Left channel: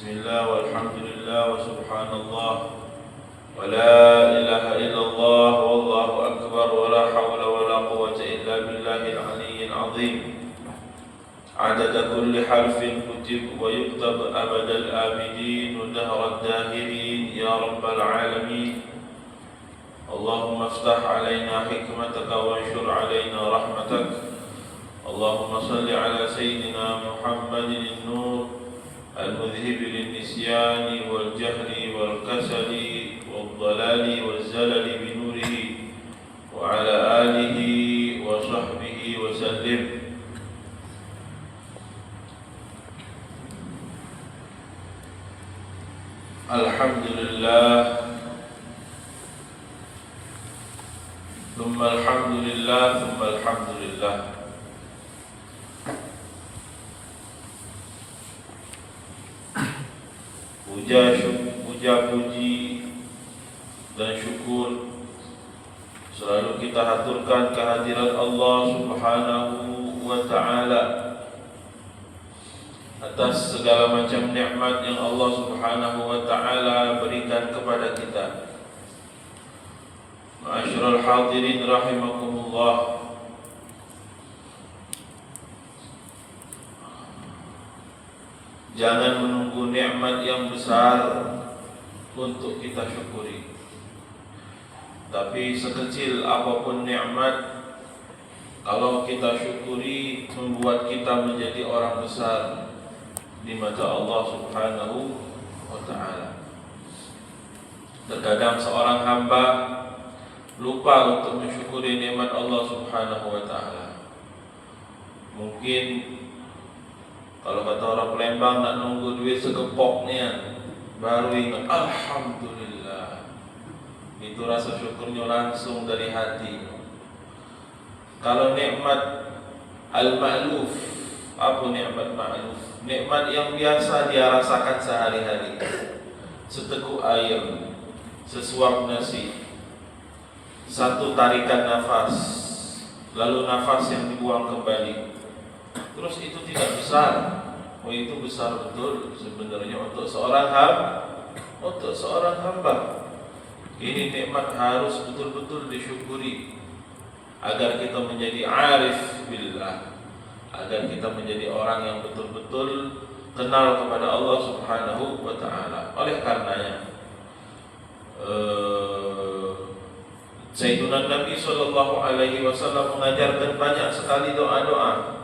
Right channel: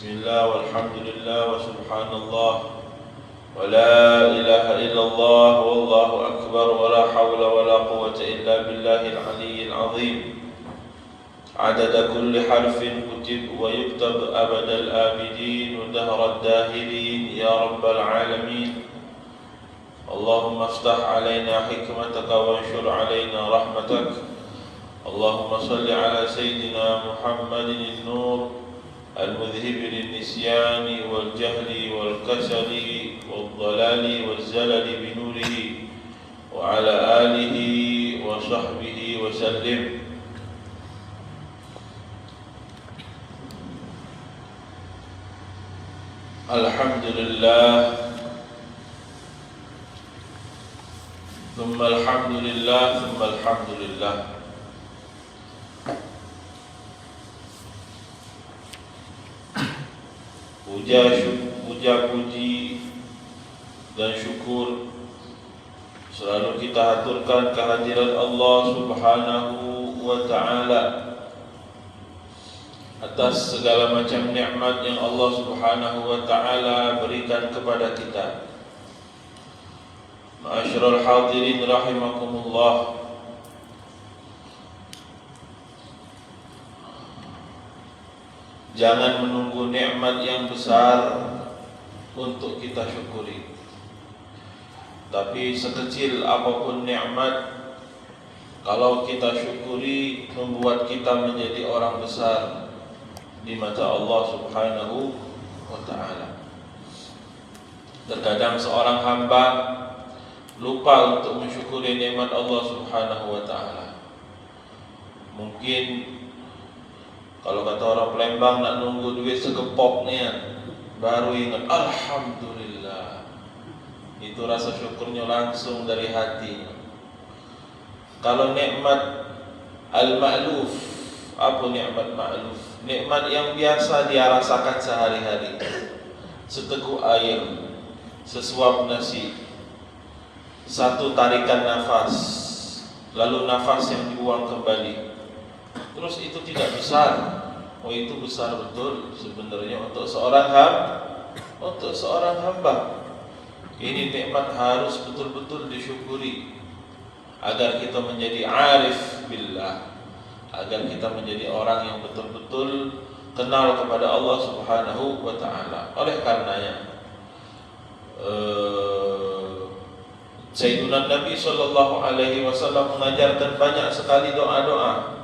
Bismillah walhamdulillah wa subhanallah wa la ilaha illallah wallahu akbar wa la hawla wa la quwwata illa billahil aliyyil azim. Adada kulli harfin kutib wa yuktab abadal abidin wa dahrad dahirin ya rabbal alamin. Allahumma aftah alaina hikmataka wa anshur alaina rahmatak. Allahumma salli ala sayyidina Muhammadin an-nur المذهب للنسيان والجهل والكسل والضلال والزلل بنوره وعلى آله وصحبه وسلم. الحمد لله ثم الحمد لله ثم الحمد لله. Puja puji dan syukur selalu kita haturkan kehadirat Allah Subhanahu wa ta'ala atas segala macam nikmat yang Allah Subhanahu wa ta'ala berikan kepada kita. Ma'asyiral hadirin rahimakumullah. Jangan menunggu nikmat yang besar untuk kita syukuri. Tapi sekecil apapun nikmat, kalau kita syukuri membuat kita menjadi orang besar di mata Allah Subhanahu wa ta'ala. Terkadang seorang hamba lupa untuk mensyukuri nikmat Allah Subhanahu wa ta'ala. Mungkin kalau kata orang Palembang nak nunggu duit segepoknya baru ingat alhamdulillah. Itu rasa syukurnya langsung dari hati. Kalau nikmat al-ma'luf, apa nikmat ma'luf? Nikmat yang biasa dia rasakan sehari-hari. Seteguk air, sesuap nasi, satu tarikan nafas, lalu nafas yang dibuang kembali. Terus itu tidak besar. Oh, itu besar betul sebenarnya untuk seorang hamba. Ini nikmat harus betul-betul disyukuri agar kita menjadi arif billah, agar kita menjadi orang yang betul-betul kenal kepada Allah Subhanahu wa ta'ala. Oleh karenanya Sayyidina Nabi sallallahu alaihi wasallam mengajarkan banyak sekali doa-doa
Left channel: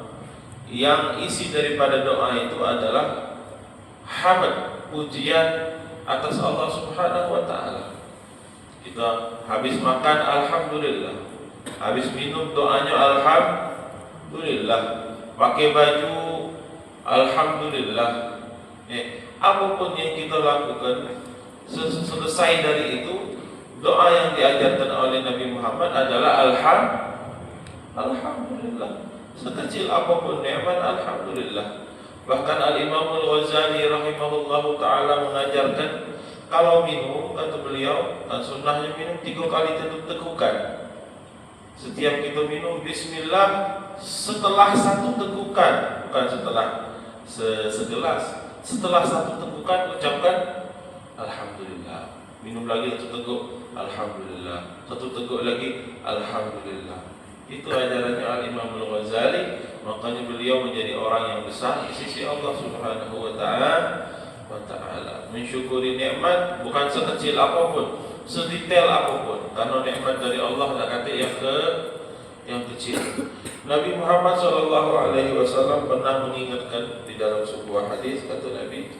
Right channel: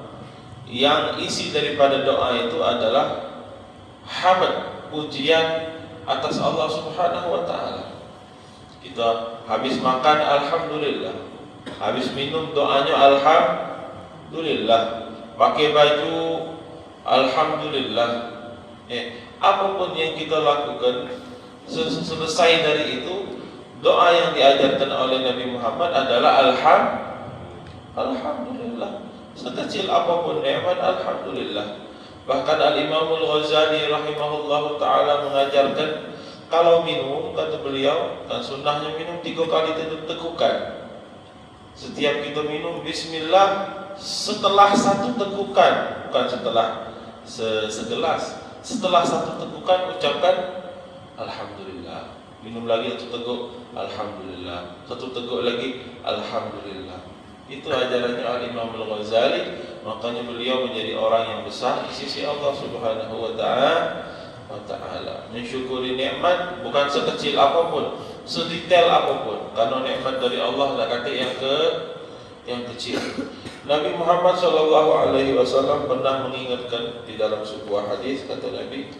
yang isi daripada doa itu adalah hamd, pujian atas Allah Subhanahu wa ta'ala. Kita habis makan alhamdulillah, habis minum doanya alhamdulillah, pakai baju alhamdulillah. Apapun yang kita lakukan, selesai dari itu, doa yang diajarkan oleh Nabi Muhammad adalah alhamdulillah. Sekecil apapun nikmat, alhamdulillah. Bahkan Al-Imam Al-Ghazali rahimahullahu ta'ala mengajarkan kalau minum, kata beliau, dan sunnahnya minum 3 kali tekukan. Setiap kita minum bismillah setelah 1 tekukan, bukan setelah segelas. Setelah 1 tekukan ucapkan alhamdulillah. Minum lagi 1 teguk, alhamdulillah. 1 teguk lagi, alhamdulillah. Itu ajarannya Al-Imam Al-Ghazali. Makanya beliau menjadi orang yang besar di sisi Allah Subhanahu wa ta'ala. Mensyukuri nikmat bukan sekecil apapun, sedetail apapun. Karena nikmat dari Allah ada kata yang kecil. Nabi Muhammad sallallahu alaihi wasallam pernah mengingatkan di dalam sebuah hadis, kata Nabi,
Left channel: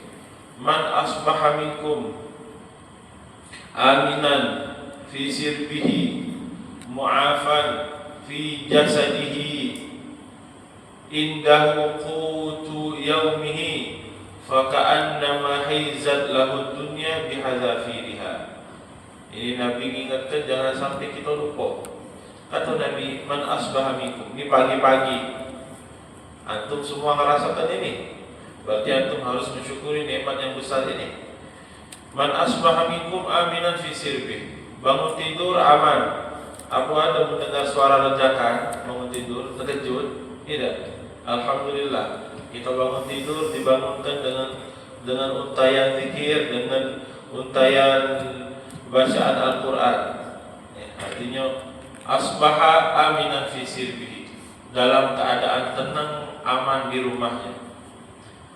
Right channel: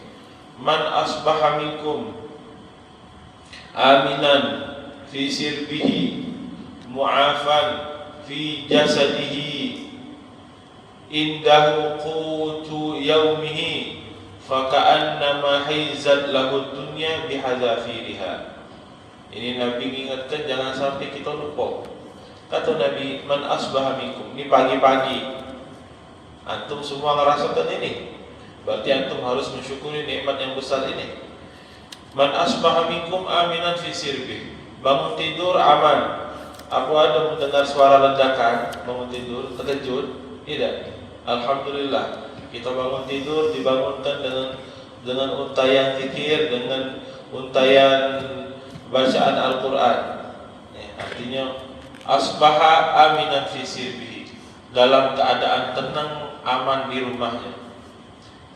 "Man asbaha minkum aminan fi sirbihi mu'afan fi jasadihi indahu qutu yaumihi faka'annama hizat lahu dunya bihadzafiriha." Ini Nabi ingatkan jangan sampai kita lupa. Kata Nabi, man asbaha minkum, ini pagi-pagi antum semua merasakan ini, berarti antum harus mensyukuri nikmat yang besar ini. Man asbaha minkum aminan fi sirbi, bangun tidur aman. Apa ada mendengar suara ledakan bangun tidur terkejut? Tidak. Alhamdulillah, kita bangun tidur dibangunkan dengan untayan zikir, dengan untayan bacaan Al-Quran. Artinya asbaha aminan fi sirbihi, dalam keadaan tenang, aman di rumahnya.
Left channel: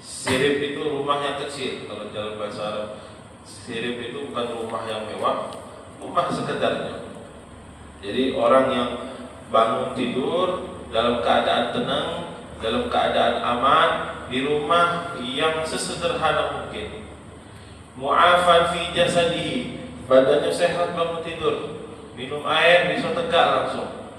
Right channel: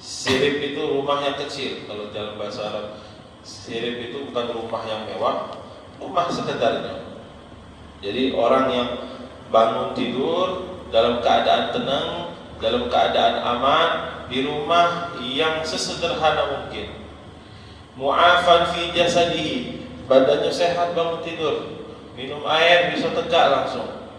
Sirib itu rumah yang kecil. Kalau dalam bahasa Arab, sirib itu bukan rumah yang mewah, rumah sekedarnya. Jadi orang yang bangun tidur dalam keadaan tenang, dalam keadaan aman, di rumah yang sesederhana mungkin. Mu'afan fi jasadihi, badannya sehat bangun tidur, minum air bisa tegak langsung.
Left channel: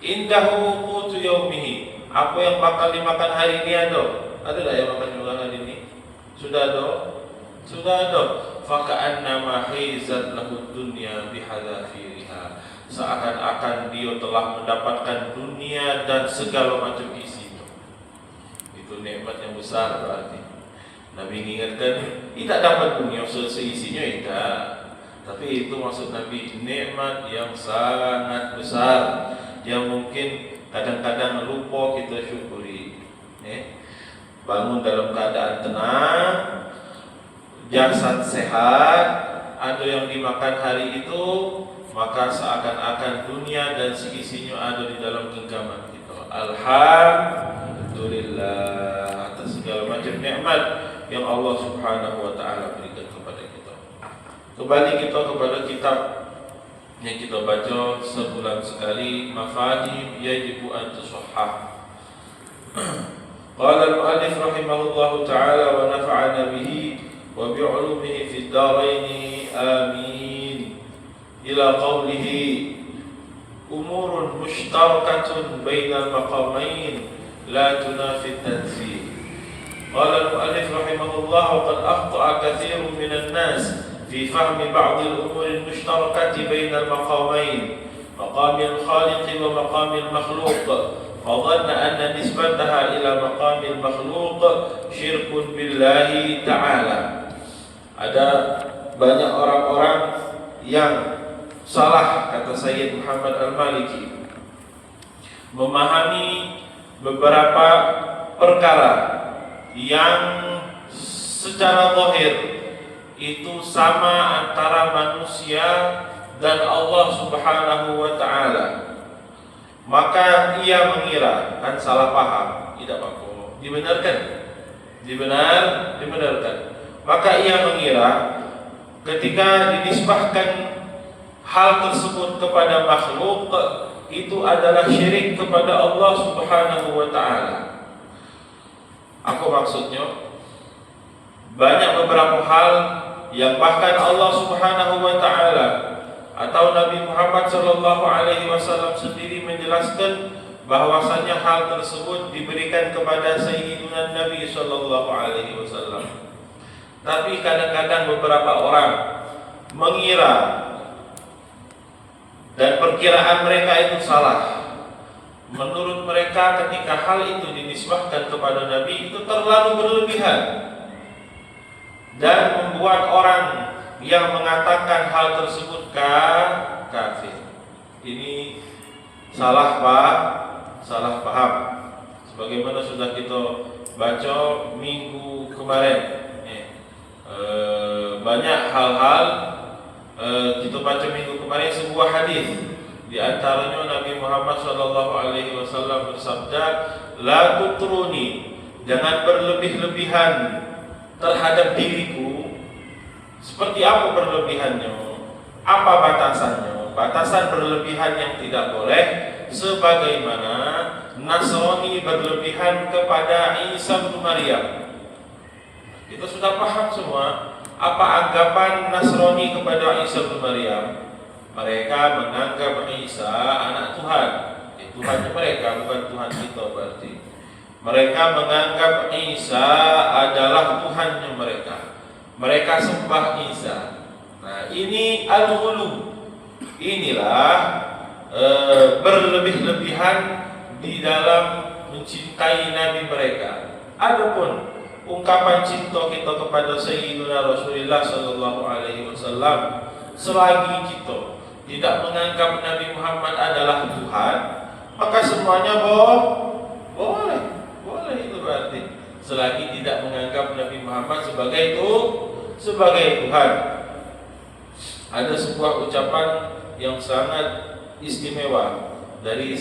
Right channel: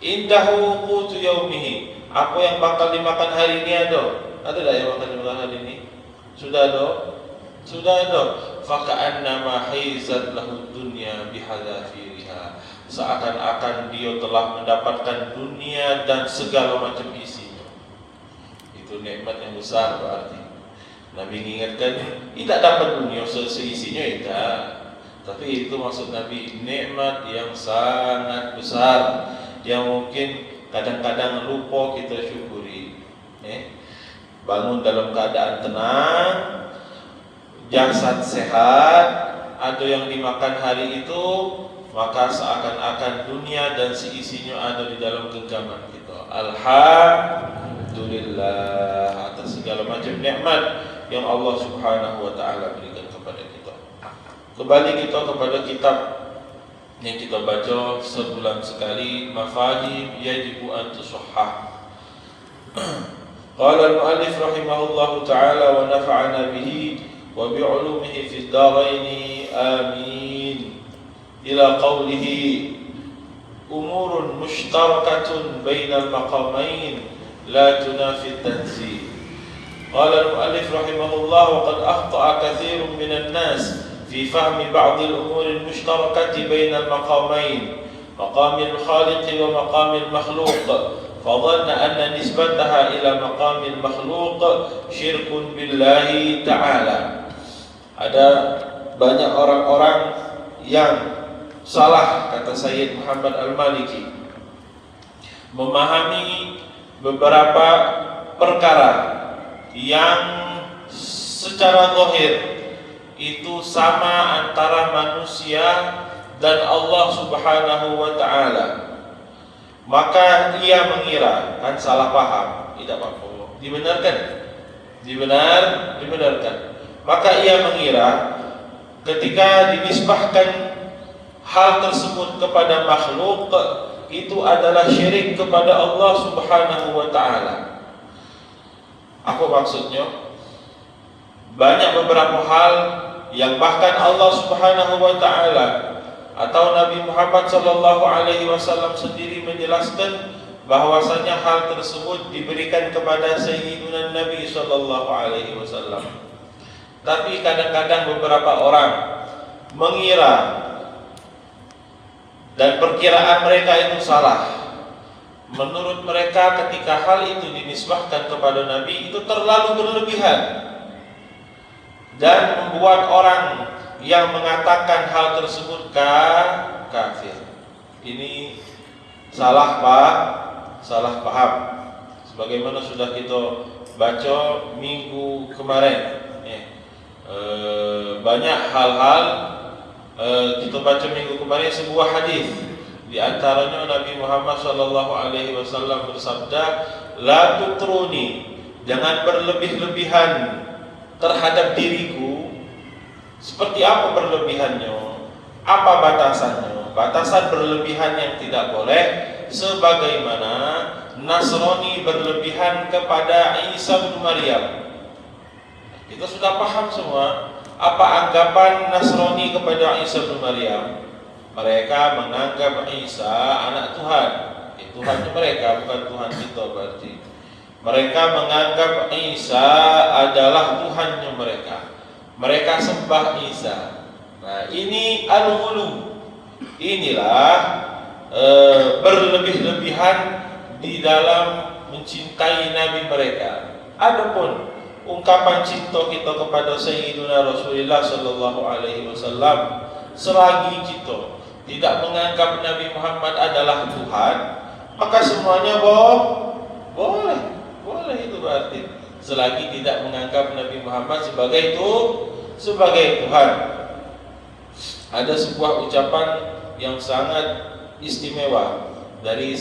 Indahu qutu yaumihi, apa yang bakal dimakan hari ini ada? Ada tak yang makan juga hari ini? Sudah ada? Sudah ada. Faka'annama haizat lahu dunya bihadafiriha, seakan-akan dia telah mendapatkan dunia dan segala macam isinya. Itu nikmat yang besar berarti. Nabi ingatkan, tidak dapat dunia seisinya tidak. Tapi itu maksud Nabi, nikmat yang sangat besar, yang mungkin kadang-kadang lupa kita syukuri. Bangun dalam keadaan tenang, jasad sehat, ada yang dimakan hari itu, maka seakan-akan dunia dan seisinya ada di dalam genggaman kita. Alhamdulillah atas segala macam nikmat yang Allah Subhanahu wa taala berikan kepada kita. Kembali kita kepada kitab yang kita baca sebulan sekali, Mafahim Yajibu an Tushahhah. Qala al-mu'allif rahimahullahu ta'ala wa nafa'ana bihi wa bi'ulumihi fid dharain amin. Ila qawlihi umurun mushtarakatun bainal maqamain la tunafi at-tanzih. Qala al-mu'allif rahimahullah wa qad akhta'a katsirun minan nas fi fahmi ba'd al-umur al-mushtarakati bainal maqamain, maqamil khaliq wa maqamil makhluq. فظن أن نسبتها إلى مقام المخلوق شرك بالله تعالى. Ada banyak orang-orang yang salah, kata Sayyid Muhammad Al-Maliki, memahami beberapa perkara yang secara zahir itu sama antara manusia dan Allah Subhanahu wa ta'ala. Maka ia mengira, kan salah paham, tidak apa-apa, dibenarkan. Maka ia mengira ketika dinisbahkan hal tersebut kepada makhluk, itu adalah syirik kepada Allah Subhanahu wa ta'ala. Apa maksudnya? Banyak beberapa hal yang bahkan Allah Subhanahu wa ta'ala atau Nabi Muhammad sallallahu alaihi wasallam sendiri menjelaskan bahwasanya hal tersebut diberikan kepada Sayyidina Nabi sallallahu alaihi wasallam. Tapi kadang-kadang beberapa orang mengira dan perkiraan mereka itu salah. Menurut mereka ketika hal itu dinisbahkan kepada Nabi itu terlalu berlebihan dan membuat orang yang mengatakan hal tersebut kafir. Ini salah paham. Sebagaimana sudah kita baca minggu kemarin, banyak hal-hal kita baca minggu kemarin sebuah hadis. Di antaranya Nabi Muhammad SAW bersabda, "La tutruni," dengan berlebih-lebihan terhadap diriku. Seperti apa berlebihannya? Apa batasannya? Batasan berlebihan yang tidak boleh sebagaimana Nasrani berlebihan kepada Isa bin Maryam. Kita sudah paham semua apa anggapan Nasrani kepada Isa bin Maryam. Mereka menganggap Isa anak Tuhan. Tuhan mereka, bukan Tuhan kita berarti. Mereka menganggap Isa adalah Tuhannya mereka. Mereka sembah Isa. Nah, ini al-ghulu. Inilah berlebih-lebihan di dalam mencintai Nabi mereka. Adapun ungkapan cinta kita kepada Sayyidina Rasulullah sallallahu alaihi wasallam, selagi kita tidak menganggap Nabi Muhammad adalah Tuhan, maka semuanya boleh itu berarti. Selagi tidak menganggap Nabi Muhammad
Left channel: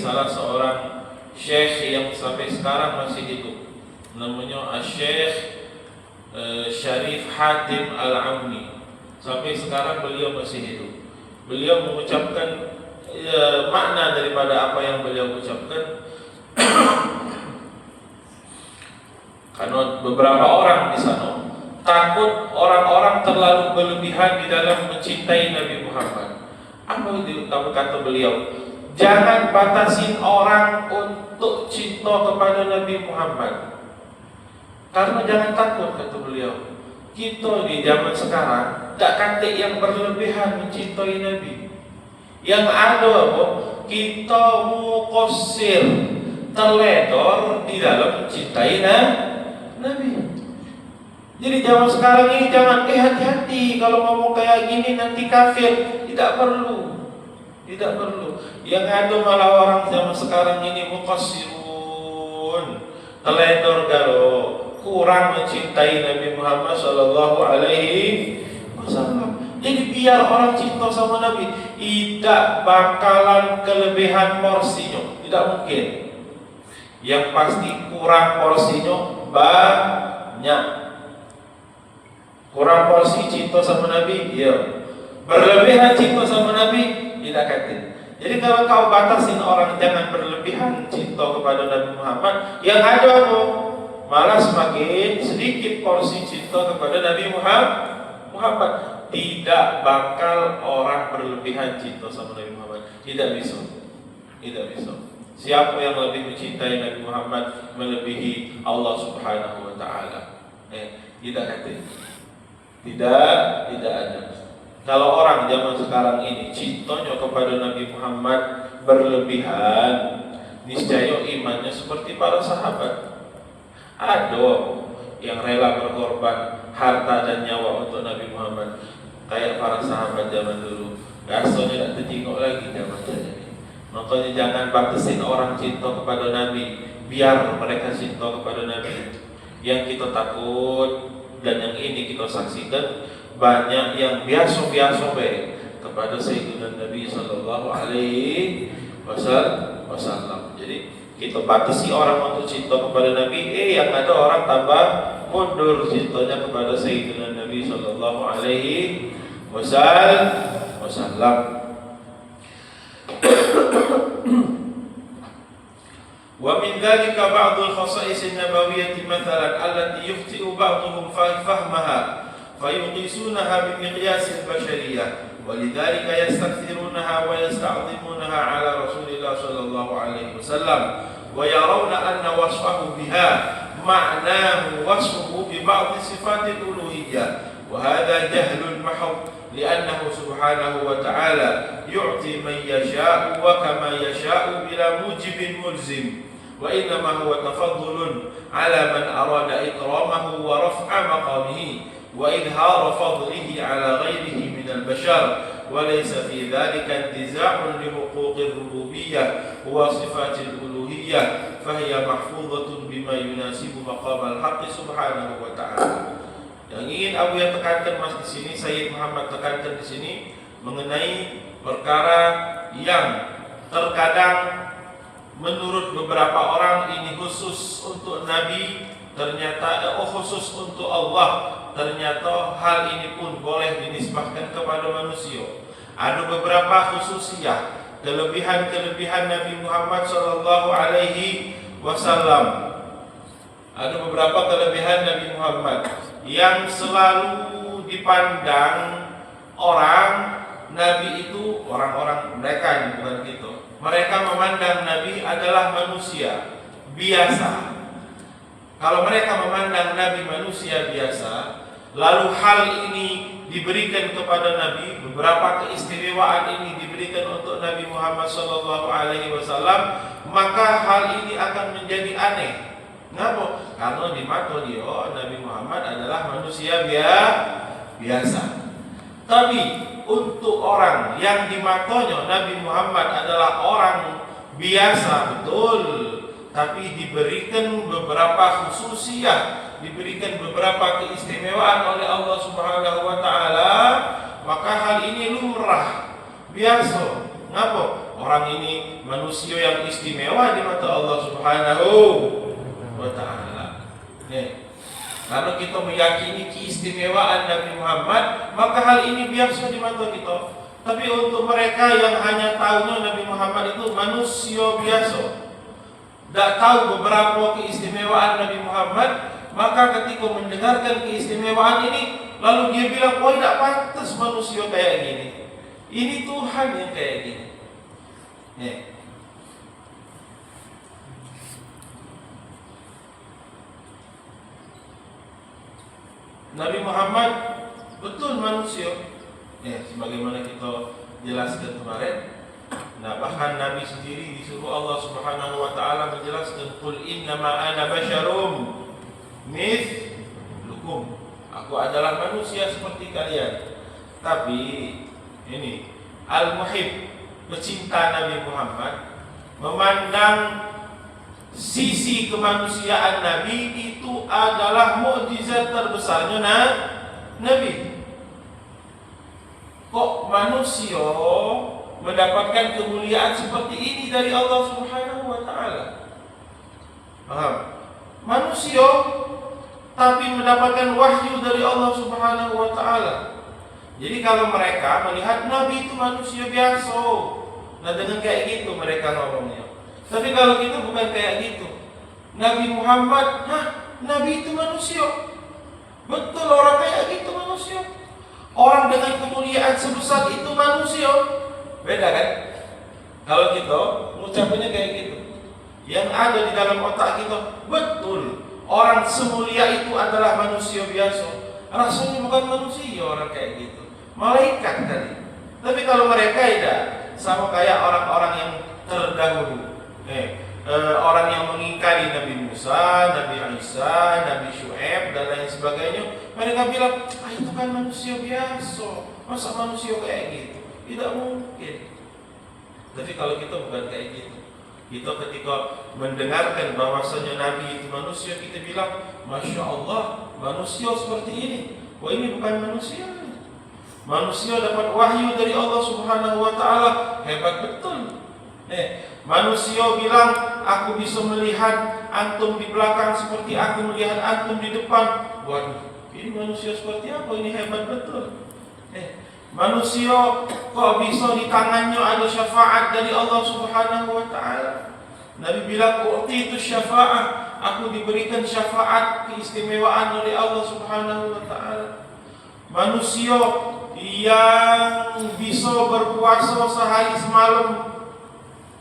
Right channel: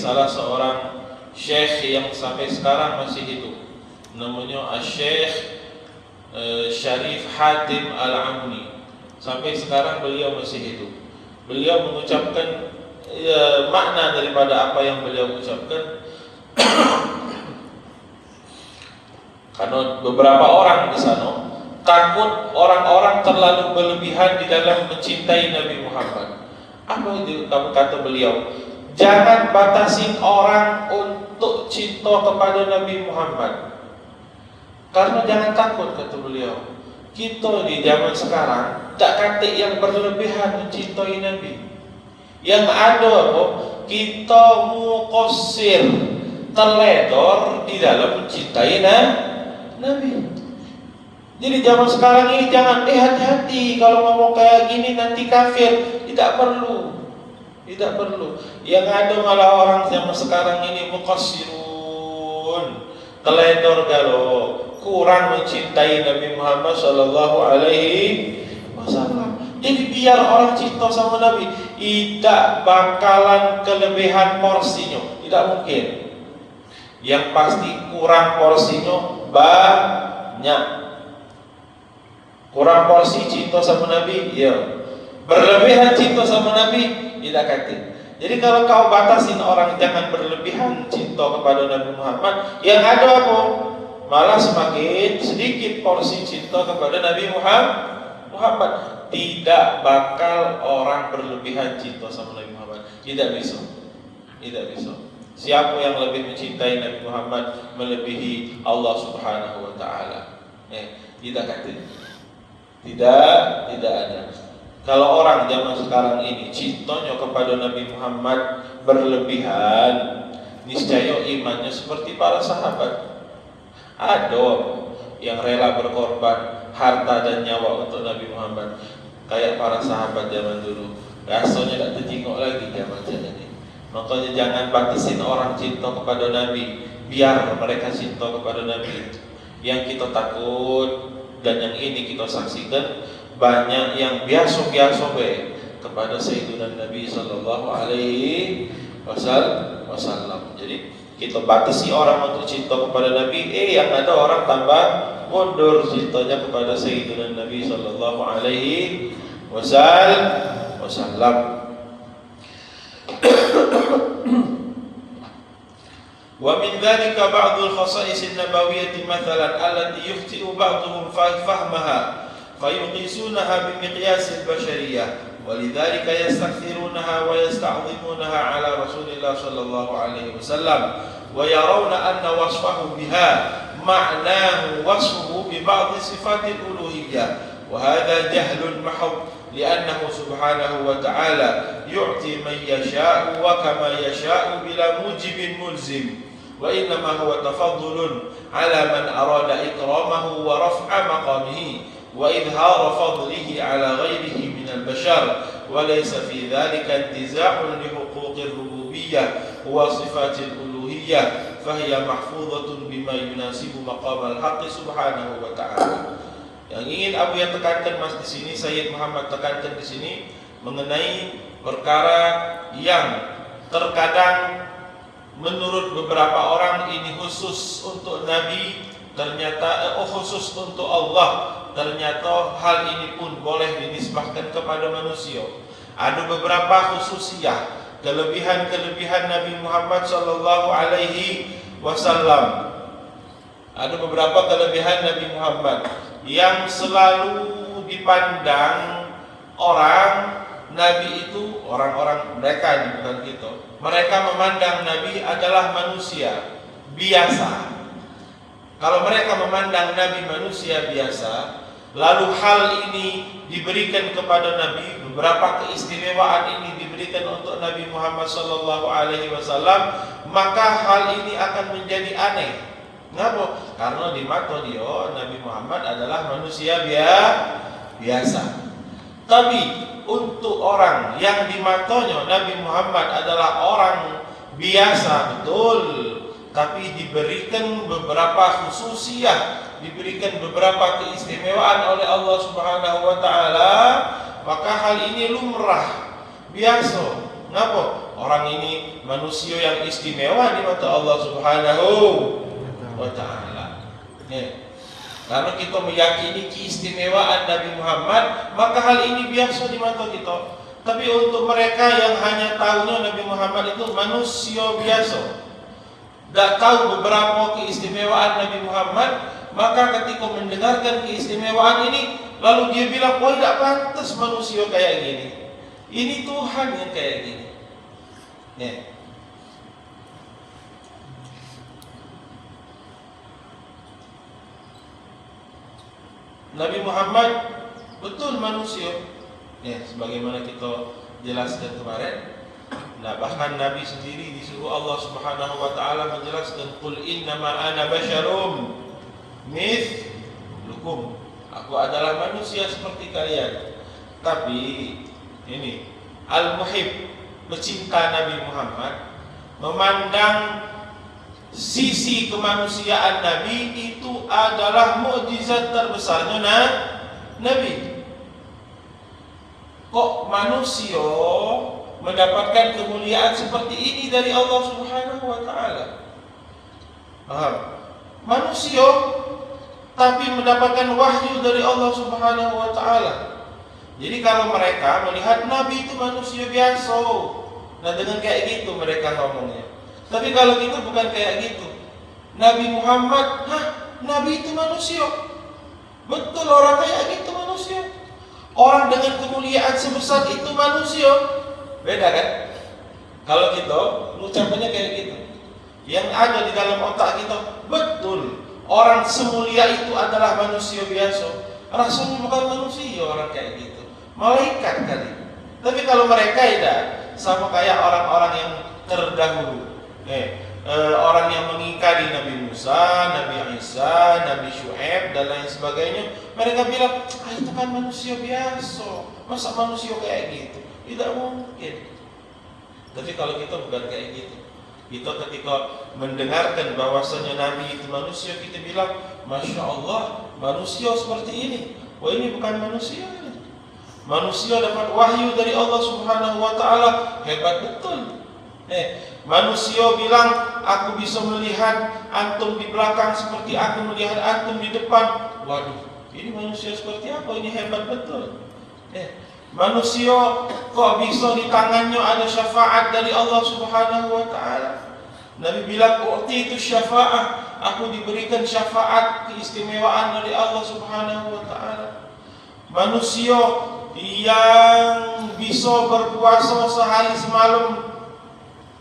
salah seorang syekh yang sampai sekarang masih hidup, namanya Syekh Syarif Hatim Al-Amni. Sampai sekarang beliau masih hidup. Beliau mengucapkan makna daripada apa yang beliau ucapkan. Karena beberapa orang di sana takut orang-orang terlalu berlebihan di dalam mencintai Nabi Muhammad. Apa itu kata beliau? Jangan batasin orang untuk cinta kepada Nabi Muhammad. Karena jangan takut, kata beliau. Kita di zaman sekarang tak kata yang berlebihan mencintai Nabi. Yang ada apa? Kita mukosir, terledor di dalam mencintai Nabi. Jadi zaman sekarang ini jangan hati-hati kalau ngomong kayak gini nanti kafir. Tidak perlu. Tidak perlu. Yang ada malah orang zaman sekarang ini mukosirun, terledor kalau kurang mencintai Nabi Muhammad Sallallahu Alaihi Wasallam. Jadi biar orang cinta sama Nabi, tidak bakalan kelebihan porsinya, tidak mungkin. Yang pasti kurang porsinya banyak. Kurang porsi cinta sama Nabi, ya. Berlebihan cinta sama Nabi, tidak kata. Jadi kalau kau batasin orang jangan berlebihan cinta kepada Nabi Muhammad, yang ada apa? Malah semakin sedikit porsi cinta kepada Nabi Muhammad. Tidak bakal orang berlebihan cinta sama Nabi Muhammad. Tidak bisa. Tidak bisa. Siapa yang lebih mencintai Nabi Muhammad melebihi Allah Subhanahu wa taala? Tidak ada. Tidak ada. Kalau orang zaman sekarang ini cintanya kepada Nabi Muhammad berlebihan, niscaya imannya seperti para sahabat. Ada yang rela berkorban harta dan nyawa untuk Nabi Muhammad, kayak para sahabat zaman dulu. Rasanya tak terjenguk lagi zaman ini. Makanya jangan batasin orang cinta kepada Nabi, biar mereka cinta kepada Nabi. Yang kita takut dan yang ini kita saksikan, banyak yang biasa-biasa kepada Sayyidina Nabi Sallallahu Alaihi Wasallam. Jadi kita batasi orang untuk cinta kepada Nabi, yang ada orang tambah mundur cintanya kepada Sayyidina Nabi Sallallahu Alaihi Wasallam. ومن ذلك بعض الخصائص النبوية مثلا التي يخطئ بعضهم فهمها فيقيسونها بمقياس البشرية ولذلك يستكثرونها ويستعظمونها على رسول الله صلى الله عليه وسلم ويرون أن وصفه بها معناه وصفه ببعض صفات الألوهية وهذا جهل محض لأنه سبحانه وتعالى يعطي من يشاء وكما يشاء بلا موجب ملزم وإنما هو تفضل على من أراد إكرامه ورفع مقامه وإظهار فضله على غيره من البشر وليس في ذلك انتزاع لحقوق الربوبية وصفات الألوهية فهي محفوظة بما يناسب مقام الحق سبحانه وتعالى. Yang ingin Abu yang tekankan mas di sini, Sayyid Muhammad tekankan di sini mengenai perkara yang terkadang menurut beberapa orang ini khusus untuk Nabi, ternyata khusus untuk Allah, ternyata hal ini pun boleh dinisbahkan kepada manusia. Ada beberapa khususiyah, kelebihan-kelebihan Nabi Muhammad Sallallahu Alaihi Wasallam. Ada beberapa kelebihan Nabi Muhammad yang selalu dipandang orang Nabi itu orang-orang mereka bukan gitu. Mereka memandang Nabi adalah manusia biasa. Kalau mereka memandang Nabi manusia biasa, lalu hal ini diberikan kepada Nabi, beberapa keistimewaan ini diberikan untuk Nabi Muhammad SAW, maka hal ini akan menjadi aneh. Kenapa? Karena di mata dia Nabi Muhammad adalah manusia biasa. Tapi untuk orang yang di matanya Nabi Muhammad adalah orang biasa, betul, tapi diberikan beberapa khususiyah, diberikan beberapa keistimewaan oleh Allah Subhanahu wa taala, maka hal ini lumrah, biasa. Kenapa? Orang ini manusia manusia yang istimewa di mata Allah Subhanahu wa Ta'ala. Karena kita meyakini keistimewaan Nabi Muhammad, maka hal ini biasa di mata kita. Tapi untuk mereka yang hanya tahunya Nabi Muhammad itu manusia biasa, tidak tahu beberapa keistimewaan Nabi Muhammad, maka ketika mendengarkan keistimewaan ini, lalu dia bilang, wah tidak pantas manusia kayak gini. Ini Tuhan yang kayak gini. Nabi Muhammad betul manusia. Sebagaimana kita jelaskan kemarin. Nah, bahkan Nabi sendiri disuruh Allah Subhanahu wa Ta'ala menjelaskan, qul innama ana basyarum mithlukum. Aku adalah manusia seperti kalian. Tapi ini Al-Muhib, pecinta Nabi Muhammad, memandang sisi kemanusiaan Nabi itu adalah mukjizat terbesarnya Nabi. Kok manusia mendapatkan kemuliaan seperti ini dari Allah Subhanahu wa Ta'ala? Paham? Manusia tapi mendapatkan wahyu dari Allah Subhanahu wa Ta'ala. Jadi kalau mereka melihat Nabi itu manusia biasa, nah dengan kayak gitu mereka ngomongnya. Tapi kalau kita bukan kayak gitu. Nabi Muhammad, Nabi itu manusia. Betul, orang kayak gitu manusia. Orang dengan kemuliaan sebesar itu manusia. Beda kan? Kalau kita ucapannya kayak gitu, yang ada di dalam otak kita, betul, orang semulia itu adalah manusia biasa. Rasanya bukan manusia orang kayak gitu, malaikat tadi. Tapi kalau mereka tidak, sama kayak orang-orang yang terdahulu, orang yang mengingkari Nabi Musa, Nabi Isa, Nabi Syuaib dan lain sebagainya. Mereka bilang, itu kan manusia biasa, masa manusia kayak gitu? Tidak mungkin. Tapi kalau kita bukan kayak gitu, kita ketika mendengarkan bahwasanya Nabi itu manusia, kita bilang, Masya Allah, manusia seperti ini. Wah, ini bukan manusia. Manusia dapat wahyu dari Allah Subhanahu wa Ta'ala, hebat betul. Manusia bilang, aku bisa melihat antum di belakang seperti aku melihat antum di depan. Waduh, ini manusia seperti apa? Ini hebat betul. Manusia kok bisa di tangannya ada syafaat dari Allah Subhanahu wa Ta'ala. Nabi bilang, itu syafaat, aku diberikan syafaat keistimewaan dari Allah Subhanahu wa Ta'ala. Manusia yang bisa berpuasa sehari semalam,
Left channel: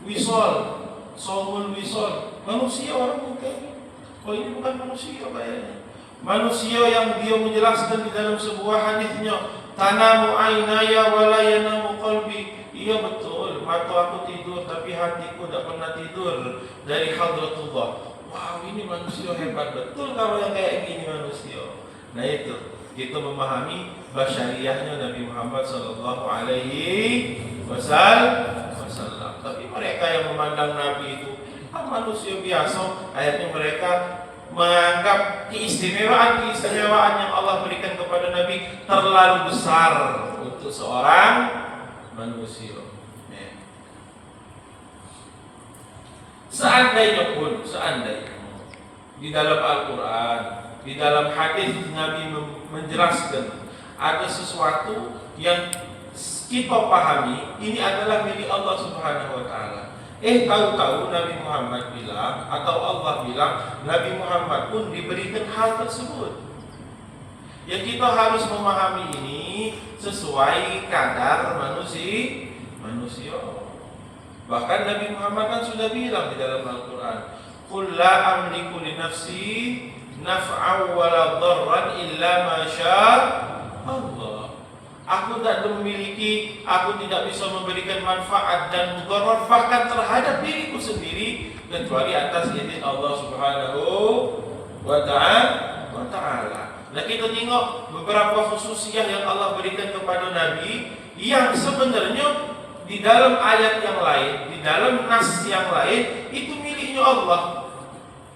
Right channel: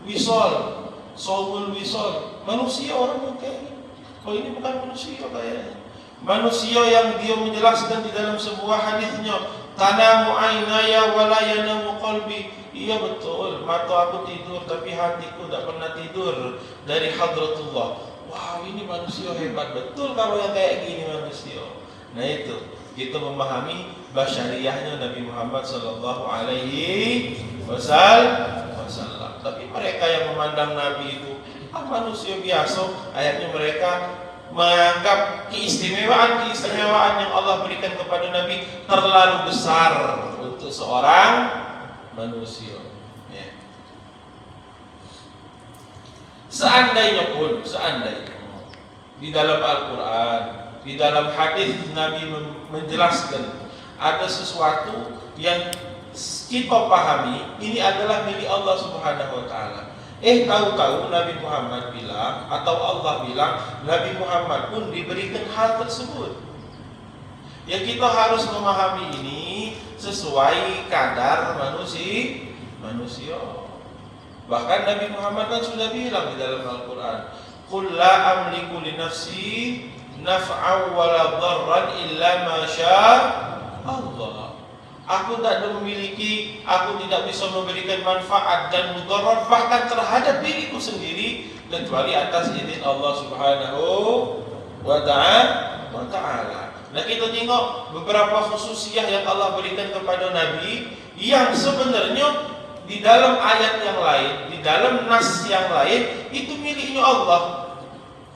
wisol, saumul wisol, manusia orang kayak ini. Oh, ini bukan manusia kayaknya. Manusia yang dia menjelaskan di dalam sebuah hadisnya, tanamu aynaya wa la yanamu qalbi. Iya betul, mata aku tidur tapi hatiku tidak pernah tidur dari hadratullah. Wow, ini manusia hebat betul kalau yang kayak gini manusia. Nah itu, kita memahami basyariahnya Nabi Muhammad sallallahu alaihi wasallam. Tapi mereka yang memandang Nabi itu manusia biasa, akhirnya mereka menganggap keistimewaan yang Allah berikan kepada Nabi terlalu besar untuk seorang manusia. Seandainya di dalam Al-Quran, di dalam hadis Nabi menjelaskan ada sesuatu yang kita pahami ini adalah milik Allah Subhanahu wa Ta'ala. Tahu-tahu Nabi Muhammad bilang atau Allah bilang Nabi Muhammad pun diberikan hal tersebut. Yang kita harus memahami ini sesuai kadar manusia. Bahkan Nabi Muhammad kan sudah bilang di dalam Al-Quran, qul la amliku li nafsi naf'an wa la dharran illa ma syaa Allah. Aku tidak memiliki, aku tidak bisa memberikan manfaat dan mudarat bahkan terhadap diriku sendiri kecuali atas izin Allah Subhanahu wa Ta'ala. Nah, kita tengok beberapa khususiyah yang Allah berikan kepada Nabi yang sebenarnya di dalam ayat yang lain, di dalam nas yang lain itu miliknya Allah.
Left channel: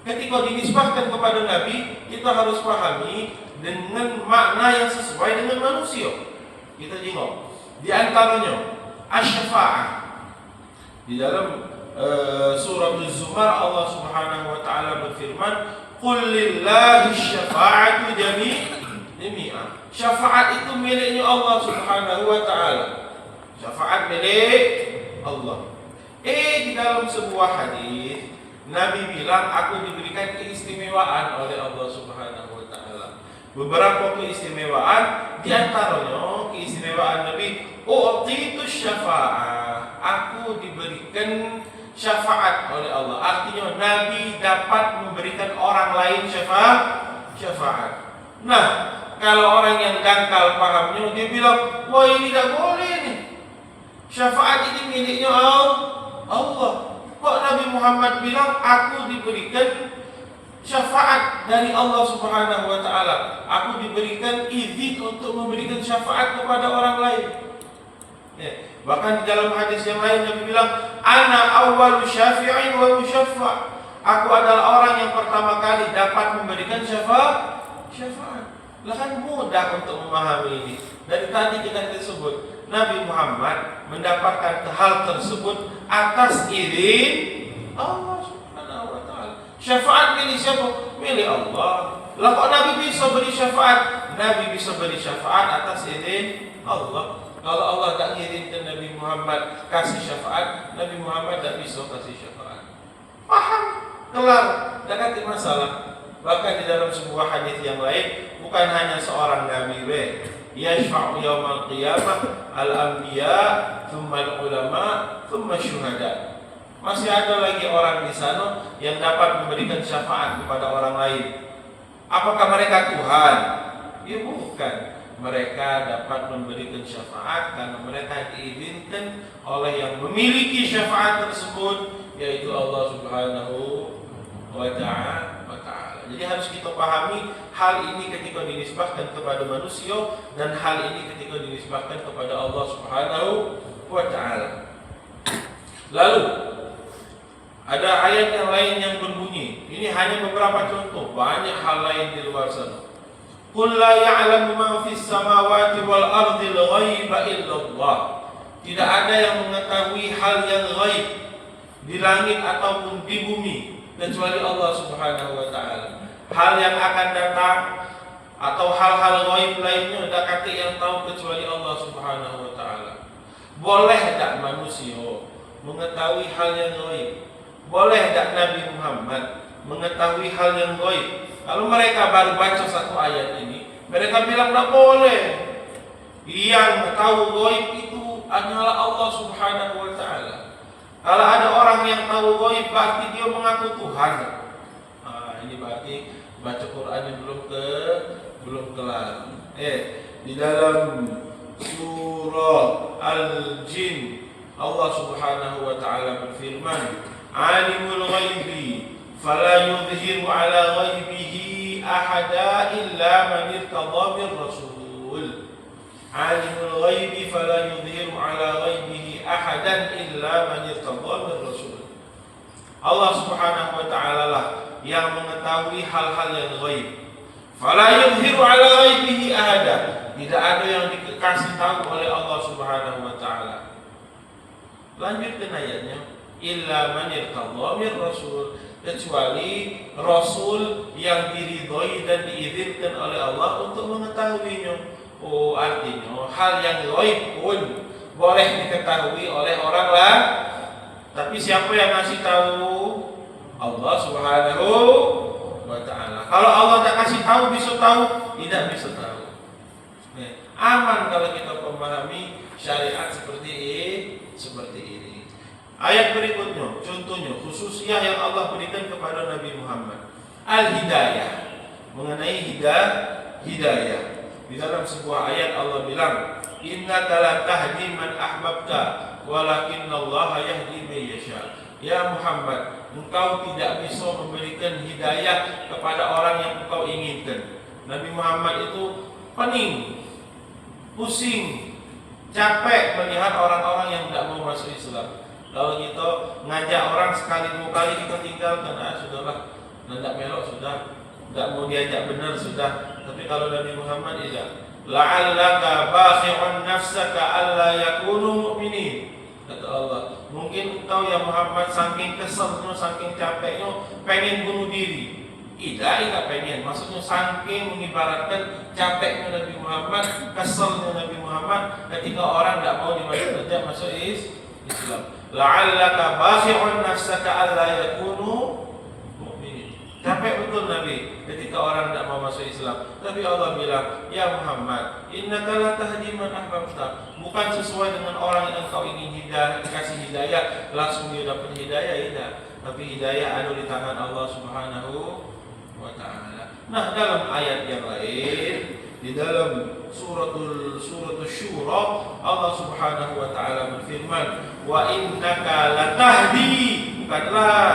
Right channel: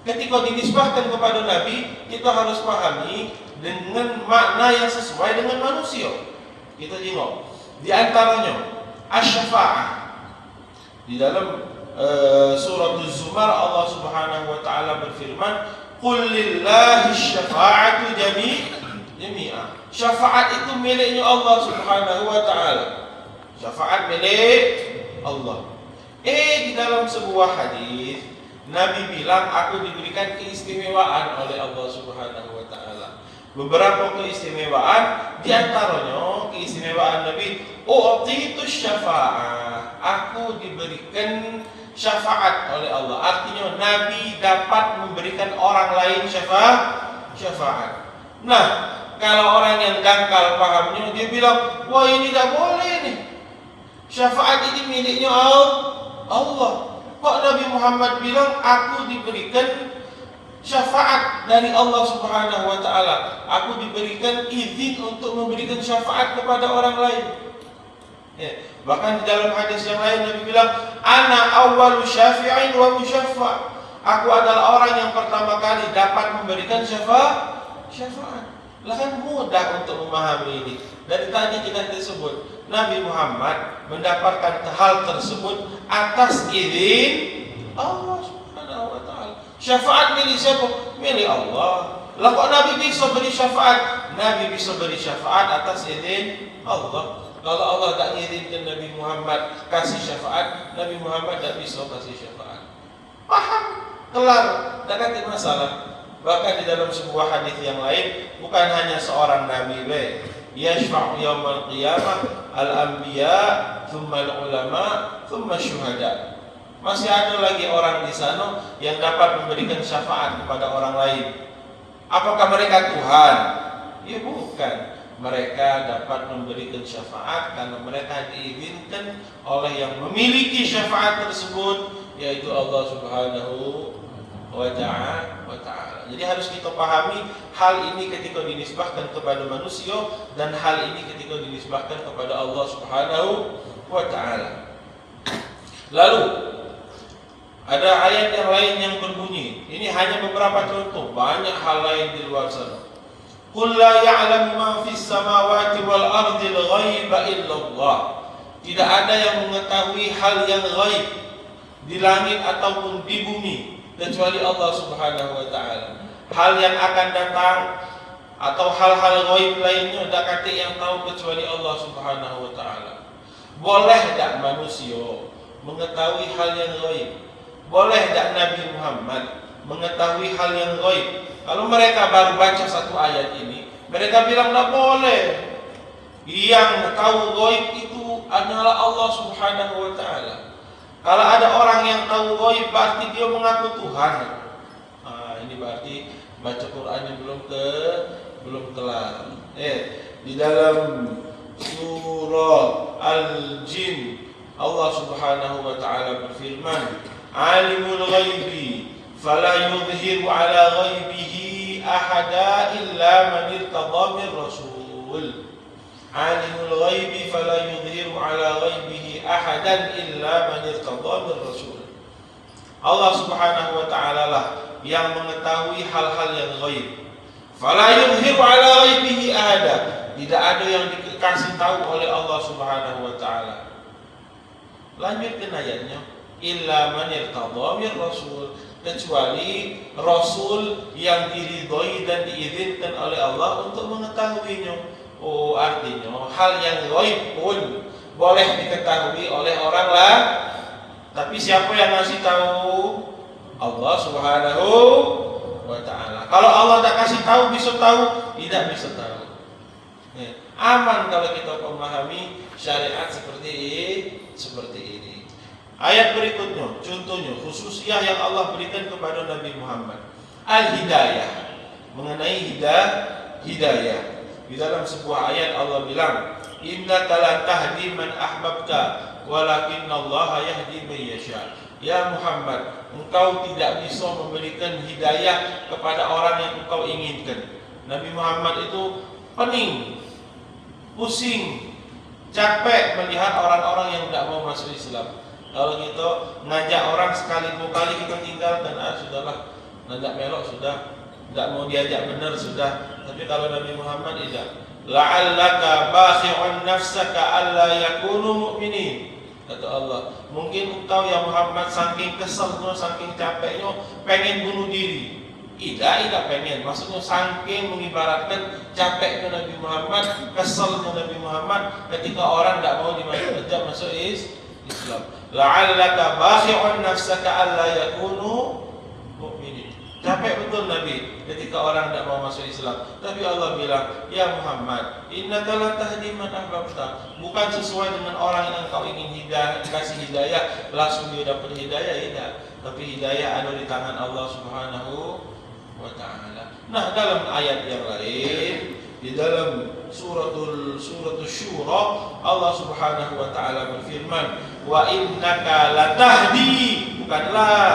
Ketika dinisbahkan kepada Nabi, kita harus pahami dengan makna yang sesuai dengan manusia. Kita tengok di antaranya asy-syafa'ah. Di dalam surat Az-Zumar Allah Subhanahu wa taala berfirman, "Qul lillahi syafa'atu jami'a." Syafaat itu miliknya Allah Subhanahu wa taala. Syafaat milik Allah. Di dalam sebuah hadis Nabi bilang, aku diberikan keistimewaan oleh Allah Subhanahu wa taala. Beberapa keistimewaan, di antaranya keistimewaan Nabi, itu syafa'ah. Aku diberikan syafaat oleh Allah. Artinya Nabi dapat memberikan orang lain syafaat. Nah, kalau orang yang dangkal pahamnya, dia bilang, wah ini tidak boleh nih. Syafaat ini miliknya Allah. Kok Nabi Muhammad bilang aku diberikan syafaat dari Allah Subhanahu wa taala. Aku diberikan izin untuk memberikan syafaat kepada orang lain. Bahkan di dalam hadis yang lain Nabi bilang, ana awwalu syafi'in wa musyaffa'. Aku adalah orang yang pertama kali dapat memberikan syafaat. Lah kan mudah untuk memahami ini. Dari tadi kita disebut Nabi Muhammad mendapatkan hal tersebut atas izin Allah Subhanahu wa taala. Syafaat milik siapa? Milik Allah. Lah kok Nabi bisa beri syafaat? Nabi bisa beri syafaat atas izin Allah. Kalau Allah tak izinkan Nabi Muhammad kasih syafaat, Nabi Muhammad tak bisa kasih syafaat. Paham? Kelar, tak ada masalah. Bahkan di dalam sebuah hadis yang lain, bukan hanya seorang nabi yashfa'u yaumal qiyamah al-anbiya, thumma al-ulama, thumma syuhada. Masih ada lagi orang di sana yang dapat memberikan syafaat kepada orang lain. Apakah mereka Tuhan? Ya bukan. Mereka dapat memberikan syafaat karena mereka diizinkan oleh yang memiliki syafaat tersebut, yaitu Allah Subhanahu wa ta'ala. Jadi harus kita pahami hal ini ketika dinisbahkan kepada manusia dan hal ini ketika dinisbahkan kepada Allah Subhanahu wa ta'ala. Lalu ada ayat yang lain yang berbunyi, ini hanya beberapa contoh, banyak hal lain di luar sana. Qul la ya'lamu man fis samawati wal ardi al-ghaiba illallah. Tidak ada yang mengetahui hal yang ghaib di langit ataupun di bumi kecuali Allah Subhanahu wa ta'ala. Hal yang akan datang atau hal-hal ghaib lainnya tak ada yang tahu kecuali Allah Subhanahu wa ta'ala. Boleh tak manusia mengetahui hal yang ghaib? Boleh tak Nabi Muhammad mengetahui hal yang ghaib? Kalau mereka baru baca satu ayat ini, mereka bilang tak boleh. Yang tahu ghaib itu hanyalah Allah Subhanahu wa ta'ala. Kalau ada orang yang tahu ghaib berarti dia mengaku Tuhan. Ini berarti baca Qurannya belum telah. Di dalam surah Al-Jin Allah Subhanahu wa ta'ala berfirman, Alimul ghaibi fala yudhiru ala ghaibihi ahada illa man irtada min rasul. Alimul ghaibi fala yudhiru ala ghaibihi ahadan illa man irtada min rasul. Allah Subhanahu wa ta'ala lah yang mengetahui hal-hal yang ghaib. Fala yudhiru ala ghaibihi ahada. Tidak ada yang dikasih tahu oleh Allah Subhanahu wa ta'ala. Lanjutkan ayatnya, illa man irtada min rasul, kecuali rasul yang diridhoi dan diizinkan oleh Allah untuk mengetahuinya. Artinya hal yang ghaib pun boleh diketahui oleh orang lain. Tapi siapa yang masih tahu? Allah Subhanahu wa ta'ala. Kalau Allah tak kasih tahu, bisa tahu? Tidak bisa tahu. Aman kalau kita memahami syariat seperti ini. Ayat berikutnya, contohnya khususnya yang Allah berikan kepada Nabi Muhammad, al-hidayah, mengenai hidayah. Di dalam sebuah ayat Allah bilang, innaka la tahdi man ahbabta walakinallaha yahdi man yasha. Ya Muhammad, engkau tidak bisa memberikan hidayah kepada orang yang engkau inginkan. Nabi Muhammad itu pening, pusing, capek melihat orang-orang yang tidak mau masuk Islam. Kalau kita ngajak orang sekali dua kali kita tinggalkan, sudahlah, tidak melok sudah, tidak mau diajak benar sudah. Tapi kalau Nabi Muhammad tidak, la'allaka bakhi'un nafsaka alla yakunu mu'minin. Kata Allah, mungkin engkau ya Muhammad keselnya, saking capeknya, pengen bunuh diri. Tidak pengen, maksudnya saking mengibaratkan capeknya Nabi Muhammad, keselnya Nabi Muhammad ketika orang tidak mau tidak masuk Islam. La'allaka bakhi'un nafsaka alla yakunu mu'minin. Capek betul Nabi ketika orang tidak mau masuk Islam. Tapi Allah bilang, ya Muhammad, innaka la tahdi man ahbabta. Bukan sesuai dengan orang yang kau ingin kasih hidayah langsung dia dapat hidayah, tidak. Tapi hidayah ada di tangan Allah Subhanahu wa ta'ala. Nah, dalam ayat yang lain, di dalam suratul Syura, Allah Subhanahu wa ta'ala berfirman, wa innaka latahdi, bukanlah.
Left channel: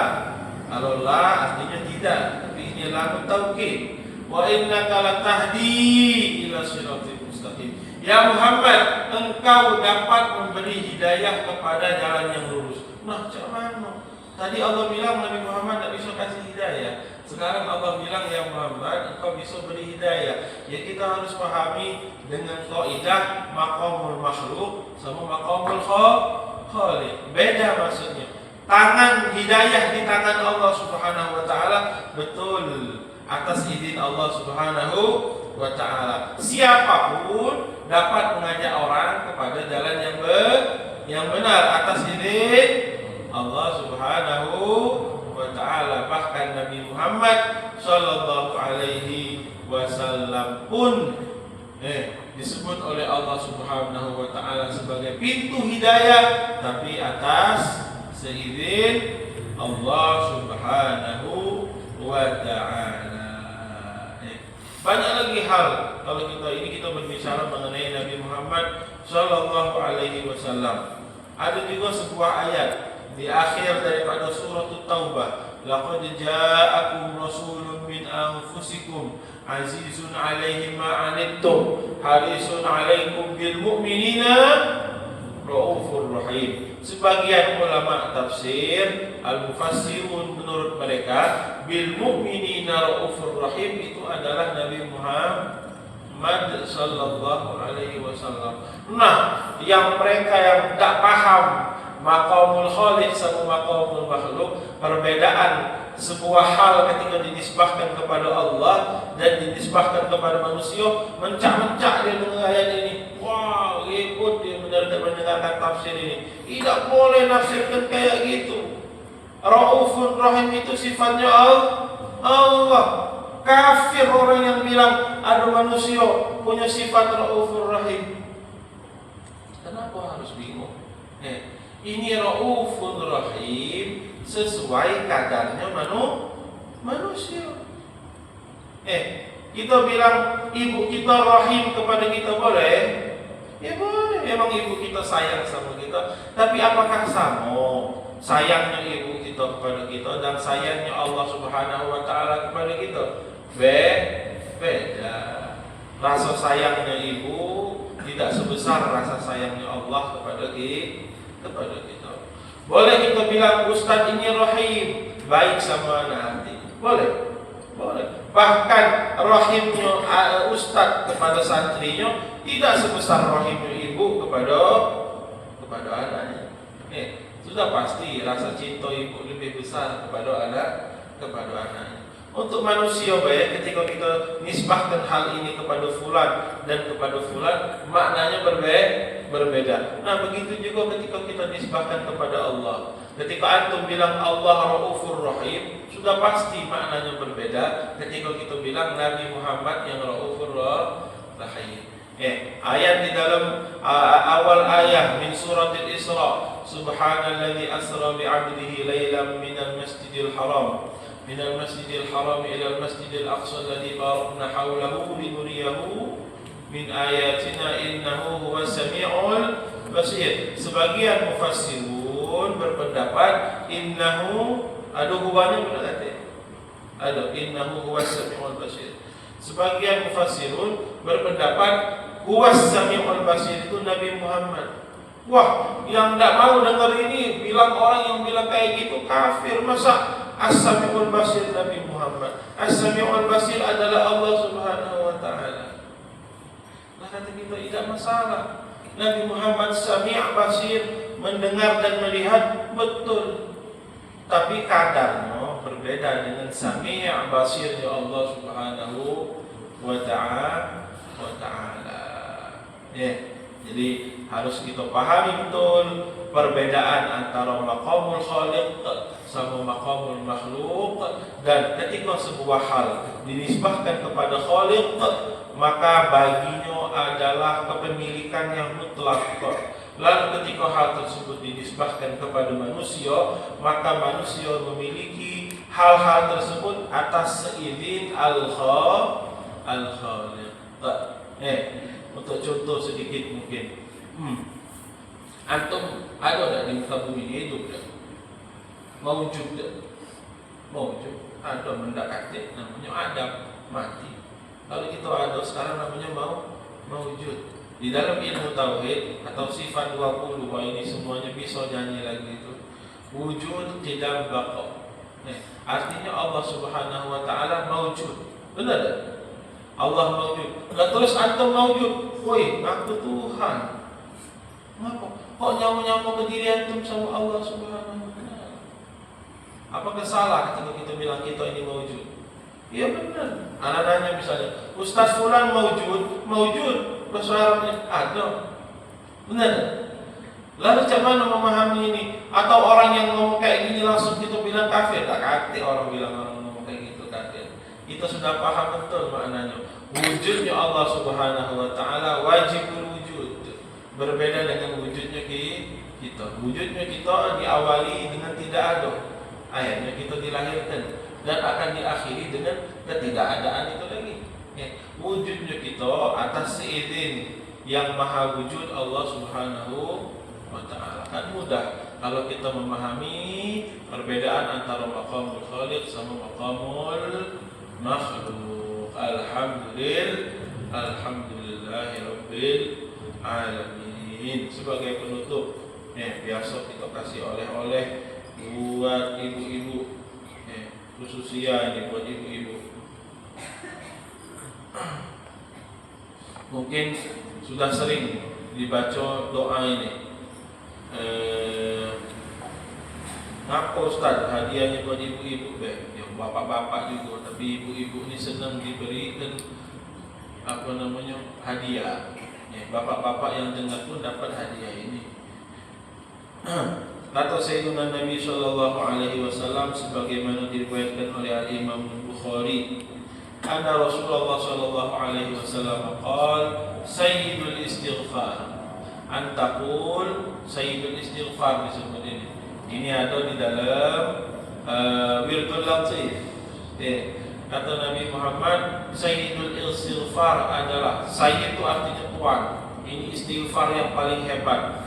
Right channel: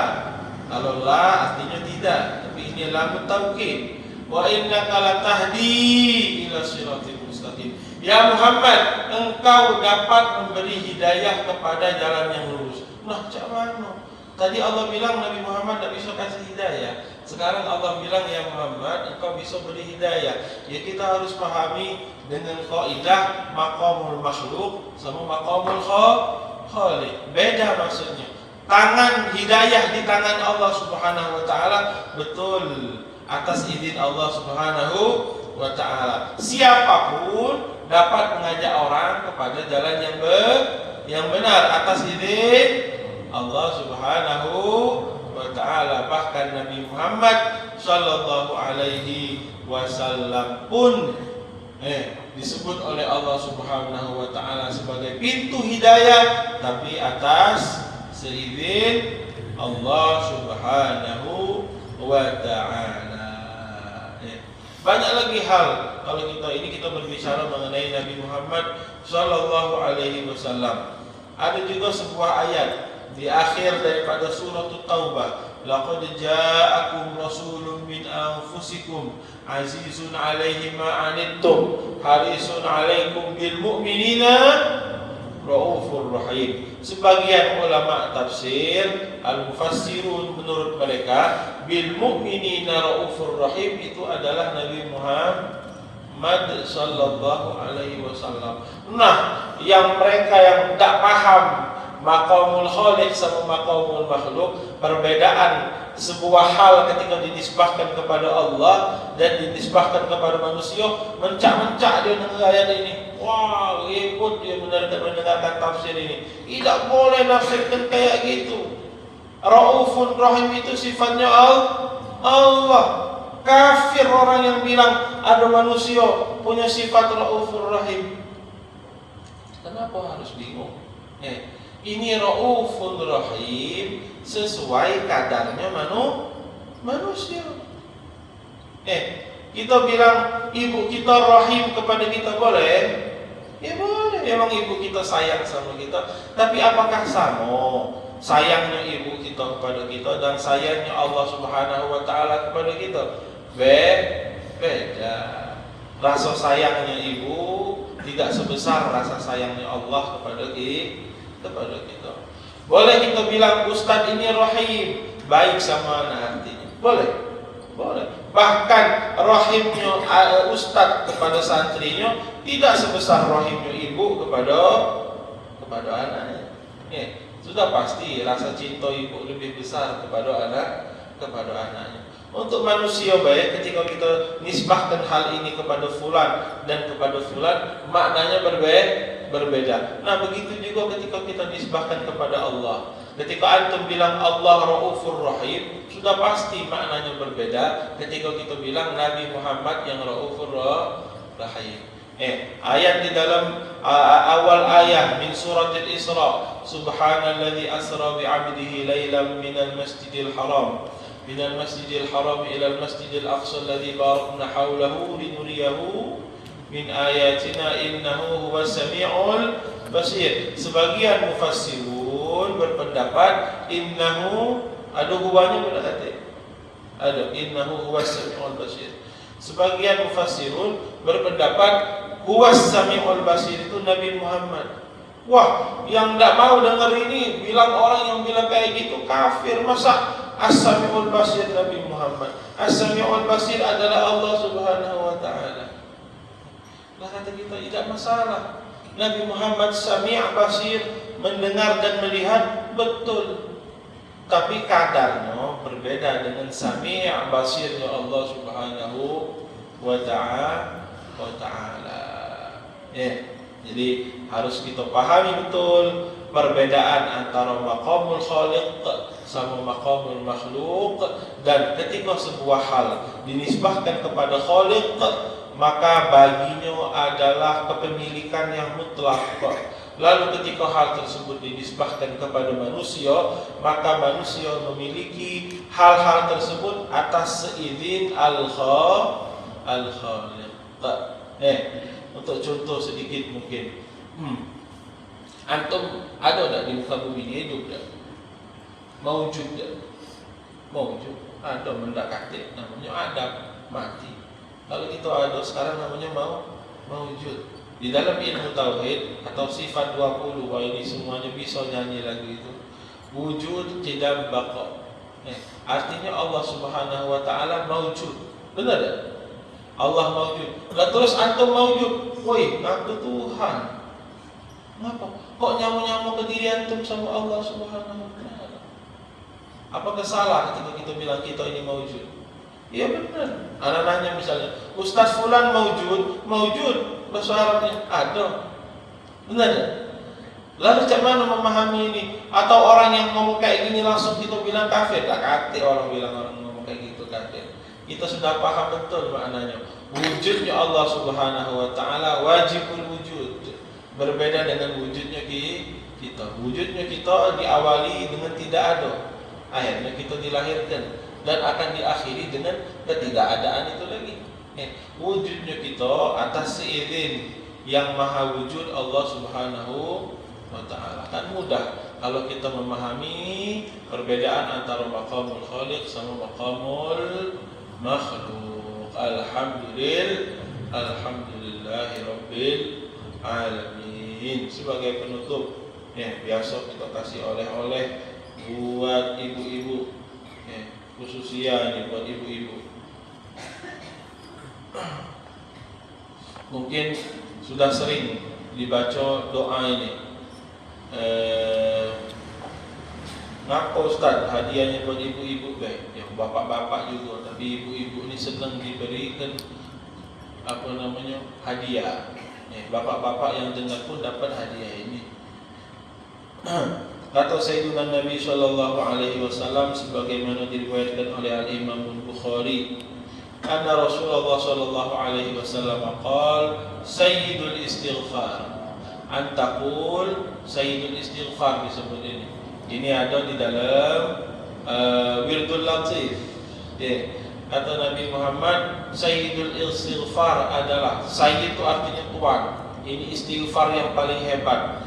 Kalau la artinya tidak, tapi ini lam taukid. Wa innaka latahdi ila siratal mustaqim. Ya Muhammad, engkau dapat memberi hidayah kepada jalan yang lurus. Nah, macam mana? Tadi Allah bilang Nabi Muhammad tidak bisa kasih hidayah. Sekarang Allah bilang, ya Muhammad, engkau bisa beri hidayah. Ya, kita harus pahami dengan kaidah maqamul makhluk sama maqamul khaliq. Beda maksudnya. Tangan hidayah di tangan Allah Subhanahu wa ta'ala, betul, atas izin Allah Subhanahu wa ta'ala. Siapapun dapat mengajak orang kepada jalan yang benar atas izin Allah Subhanahu wa ta'ala. Bahkan Nabi Muhammad sallallahu alaihi wasallam pun disebut oleh Allah Subhanahu wa ta'ala sebagai pintu hidayah, tapi atas seizin Allah Subhanahu wa ta'ala. Banyak lagi hal kalau kita berbicara mengenai Nabi Muhammad sallallahu alaihi wasallam. Ada juga sebuah ayat di akhir daripada surah Taubah, laqad ja'akum rasulun min anfusikum azizun 'alaihi ma 'anittum harisun 'alaikum bil mu'minina raufur rahim. Sebagian ulama tafsir al-mufassirun menurut mereka bil mu'minina raufur rahim itu adalah Nabi Muhammad sallallahu alaihi wasallam. Nah, yang mereka yang tidak paham maqamul khaliq sama maqamul makhluk, perbedaan sebuah hal ketika dinisbahkan kepada Allah dan dinisbahkan kepada manusia, mencak-mencak dia dengan ayat ini. Wah, ikut dia mendengarkan tafsir ini. Tidak boleh nafsirkan kayak gitu. Raufun Rahim itu sifatnya Allah. Kafir orang yang bilang ada manusia punya sifat Raufun Rahim. Kenapa harus bingung? Ini Raufun Rahim sesuai kadarnya manusia. Kita bilang ibu kita rahim kepada kita boleh? Ya boleh, memang ibu kita sayang sama kita. Tapi apakah sama sayangnya ibu kita kepada kita dan sayangnya Allah Subhanahu wa ta'ala kepada kita? Beda. Rasa sayangnya ibu tidak sebesar rasa sayangnya Allah kepada kita. Boleh kita bilang Ustaz ini rahim, baik sama nanti. Boleh. Bahkan rahimnya Ustaz kepada santrinya tidak sebesar rahimnya ibu kepada anaknya. Sudah pasti rasa cinta ibu lebih besar kepada anaknya. Untuk manusia baik, ketika kita nisbahkan hal ini kepada fulan dan kepada fulan, maknanya berbeda. Nah, begitu juga ketika kita nisbahkan kepada Allah. Ketika antum bilang Allah Raufur Rahim, sudah pasti maknanya berbeda ketika kita bilang Nabi Muhammad yang Raufur Rahim. Ayat di dalam awal ayat min surat Al-Isra, subhanalladzi asra bi 'abdihi lailan minal masjidil haram ila al-masjidil aqsa alladzi barakna hawlahu linuriyahu min ayatina innahu huwas samiul basir. Sebagian mufassirun berpendapat innahu ada hubungannya berarti ada innahu huwas samiul basir. Sebagian mufassirun berpendapat huwas samiul basir itu Nabi Muhammad. Wah, yang tidak mau dengar ini bilang orang yang bilang kayak gitu kafir. Masa As-Sami'ul Basir Nabi Muhammad? As-Sami'ul Basir adalah Allah Subhanahu wa ta'ala. Nah, kata kita tidak masalah. Nabi Muhammad Sami' Basir, mendengar dan melihat, betul. tapi kadarnya berbeda dengan Sami' Basirnya Allah Subhanahu wa ta'ala. Jadi harus kita pahami betul perbedaan antara maqamul khaliq sama maqamul makhluk, dan ketika sebuah hal dinisbahkan kepada khaliq maka baginya adalah kepemilikan yang mutlak. Lalu ketika hal tersebut dinisbahkan kepada manusia, maka manusia memiliki hal-hal tersebut atas seizin al-khaliq. Untuk contoh sedikit mungkin, antum ada tak di muka bumi ini hidup tak? Mawujud tak? Mawujud. Antum mendekati namanya Adam, mati. Lalu itu ada sekarang namanya mawujud. Di dalam ilmu tauhid atau sifat 20 ini semuanya bisa nyanyi lagu itu. Wujud tidak baqa. Artinya Allah Subhanahu wa ta'ala mawujud. Benar tak? Allah mawujud. Terus antum mawujud. Woi, aku Tuhan. Kenapa? Kok nyambung-nyambung ke diri antum sama Allah Subhanahu wa ta'ala? Apakah salah ketika kita bilang kita ini mawujud? Ya benar. Ada nanya misalnya, Ustaz Fulan mawujud. Persoalannya ada. Benar. Lalu macam mana memahami ini? Atau orang yang ngomong kayak gini langsung kita bilang kafir? Tak kate orang bilang orang ngomong kayak gitu kafir. Kita sudah paham betul maknanya. Wujudnya Allah Subhanahu wa ta'ala wajibul wujud. Berbeda dengan wujudnya kita. Wujudnya kita diawali dengan tidak ada. Akhirnya kita dilahirkan dan akan diakhiri dengan ketidakadaan itu lagi. Wujudnya kita atas seizin yang maha wujud Allah Subhanahu wa ta'ala. Kan mudah kalau kita memahami perbedaan antara maqamul khaliq sama maqamul makhluk. Alhamdulillahi rabbil alamin. Sebagai penutup, biasa kita kasih oleh-oleh buat ibu-ibu, khususnya buat ibu-ibu. Mungkin sudah sering dibaca doa ini. Ngapa Ustaz hadiahnya buat ibu-ibu? Bapak-bapak juga, tapi ibu-ibu ini sedang diberikan hadiah. Bapak-bapak yang dengar pun dapat hadiah ini. Kata Sayyidina Nabi sallallahu alaihi wasallam sebagaimana diriwayatkan oleh Al-Imam Bukhari, anna Rasulullah sallallahu alaihi wasallam qala sayyidul istighfar an taqul sayyidul istighfar disebut ini. Ini ada di dalam Wirdul Latif. Kata Nabi Muhammad, Sayyidul Istighfar adalah, Sayyid itu artinya tuan. Ini istighfar yang paling hebat.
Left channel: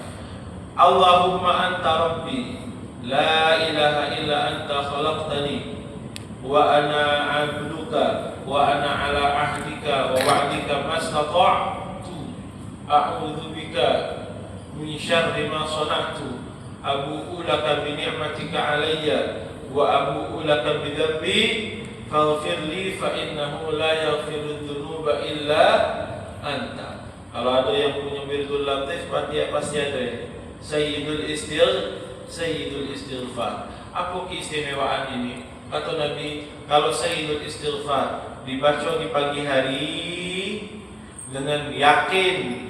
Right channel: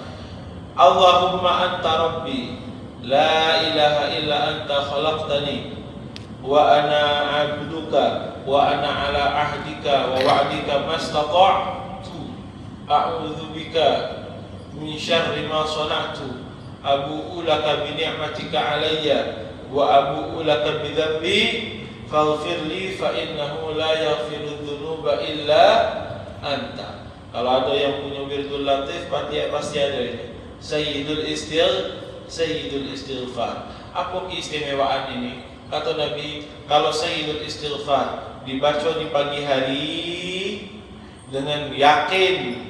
Allahumma anta rabbi, la ilaha illa anta khalaqtani, wa ana abduka, wa ana ala ahdika, wa wa'dika mastata'tu, a'udhu bika min syarri ma sana'tu, abu'u laka bi ni'matika alayya, wa abu'u laka bi dhanbi faghfir li fa innahu la yaghfiru dzunuba illa anta. Kalau ada yang punya Wirdul Latif pasti ada ini. Sayyidul Istighfar. Apa keistimewaan ini? Kata Nabi, kalau Sayyidul Istighfar dibaca di pagi hari dengan yakin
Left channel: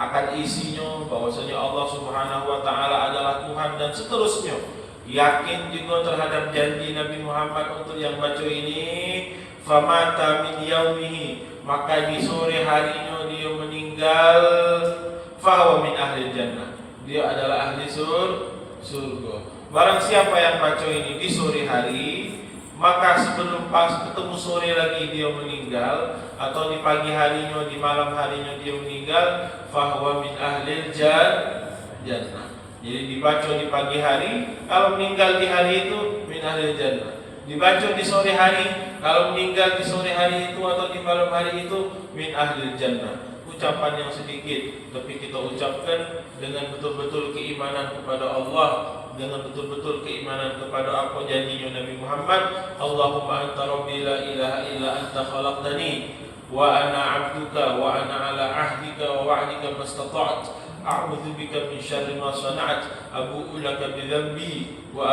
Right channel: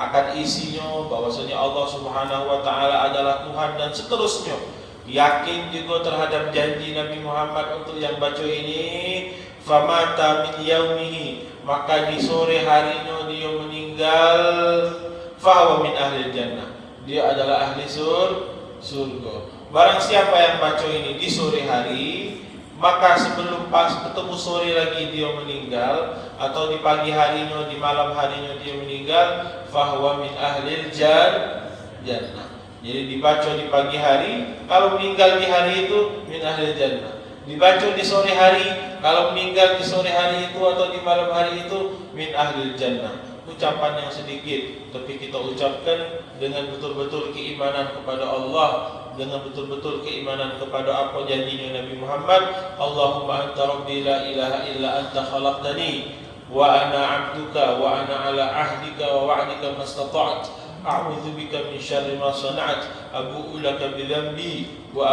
akan isinya bahwasanya Allah Subhanahu wa ta'ala adalah Tuhan dan seterusnya, yakin juga terhadap janji Nabi Muhammad untuk yang baca ini, famata min yaumihi, maka di sore harinya dia meninggal, fahuwa min ahli jannah, dia adalah ahli surga. Barang siapa yang baca ini di sore hari, maka sebelum pas ketemu sore lagi dia meninggal, atau di pagi harinya, di malam harinya dia meninggal, fahuwa min ahli jannah. Jadi dibaca di pagi hari, kalau meninggal di hari itu min ahli jannah. Dibaca di sore hari, kalau meninggal di sore hari itu atau di malam hari itu min ahli jannah. Ucapan yang sedikit, tapi kita ucapkan dengan betul-betul keimanan kepada Allah, dengan betul-betul keimanan kepada apa janjinya Nabi Muhammad. Allahumma anta rabbi la ilaha illa anta khalaqtani, wa ana abduka, wa ana ala ahdika wa wa'dika mastata'tu, a'udzu bika min syarri ma sana'tu, abu'u laka bidzambi wa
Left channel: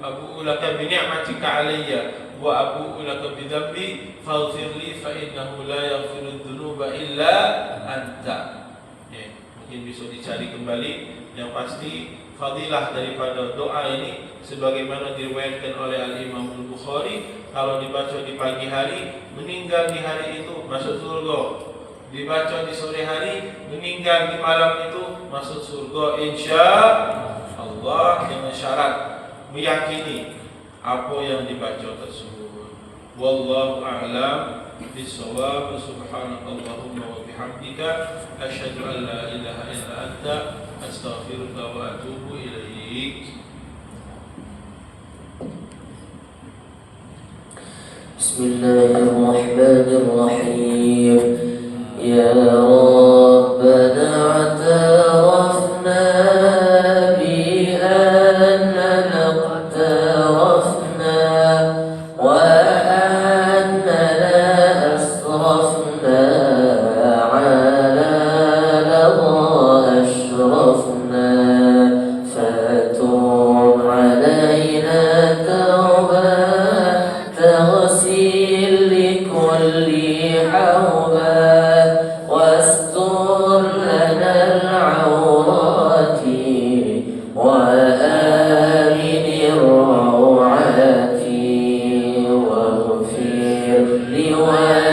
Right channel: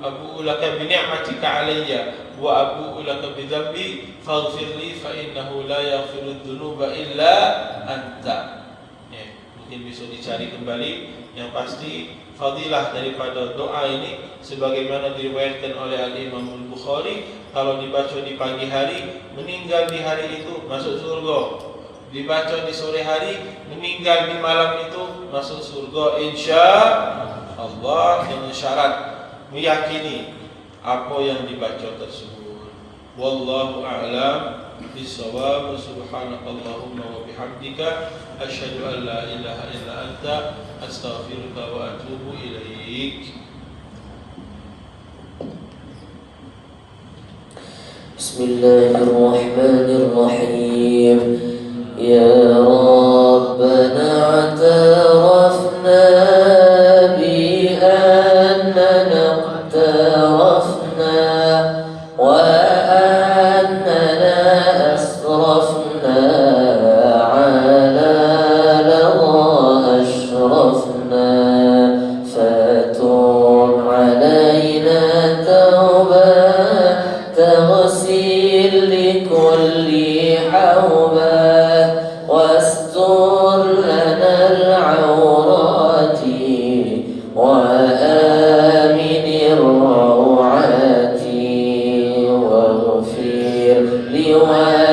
abu'u laka bi ni'matika alayya wa abu'u laka bidzambi faghfir li fa innahu la yaghfiru dzunuba illa anta. Mungkin bisa dicari kembali. Yang pasti fadilah daripada doa ini sebagaimana diriwayatkan oleh Al-Imam Al-Bukhari, kalau dibaca di pagi hari, meninggal di hari itu masuk surga. Dibaca di sore hari, meninggal di malam itu masuk surga insyaallah, dengan syarat meyakini apa yang dibaca tersebut. Wallahu a'lam bishawab. Subhanakallahumma wa bihamdika asyhadu an la ilaha illa anta astaghfiruka wa atubu ilaik. Bismillahirrahmanirrahim. Ya Rabbana atarafna bi annana iqtarafna wa annana asrafna ala lawa ashrafna fatub alayna tawbah تغسل لكل حوبة واستر لنا العورات وآمن الروعات واغفر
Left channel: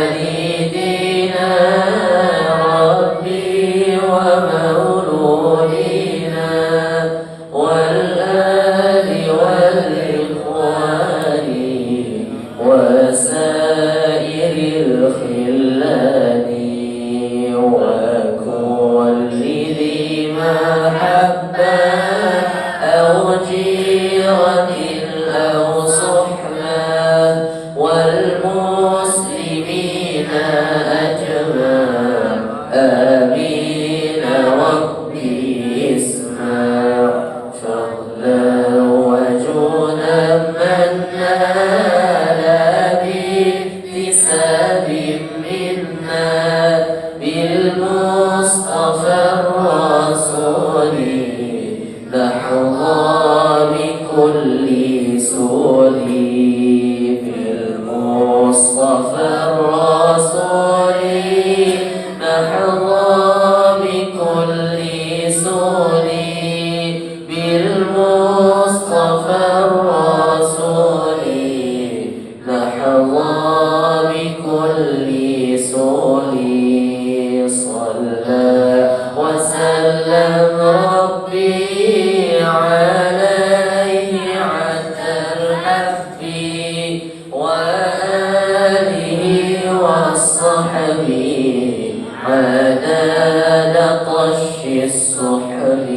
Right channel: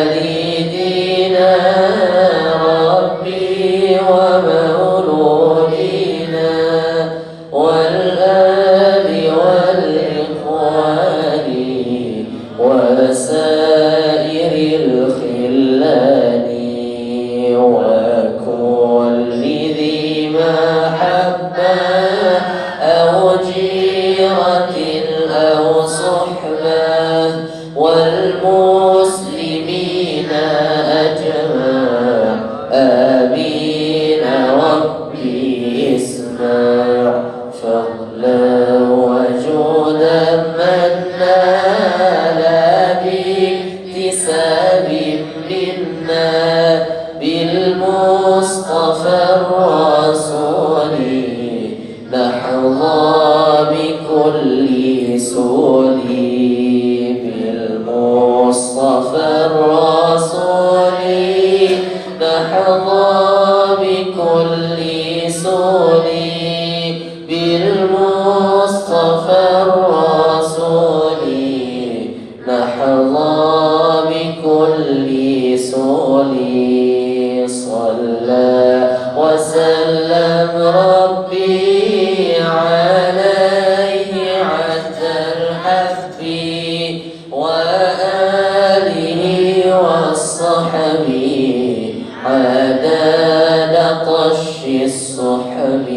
لوالدينا ربي ومولودينا والآل والإخوان وسائر الخلان وكل ذي محبة أو جيرة أو صحبة والمسلمين أجمع آمين ربي اسمع فضلا وجودا منا باكتساب منا بالمصطفى الرسول نحظى بكل سول بالمصطفى الرسول نحظى بكل سول بالمصطفى الرسول نحظى بكل سول صلى وسلم ربي عليه عتى الحب وآله وصحبه عدد قش الصحب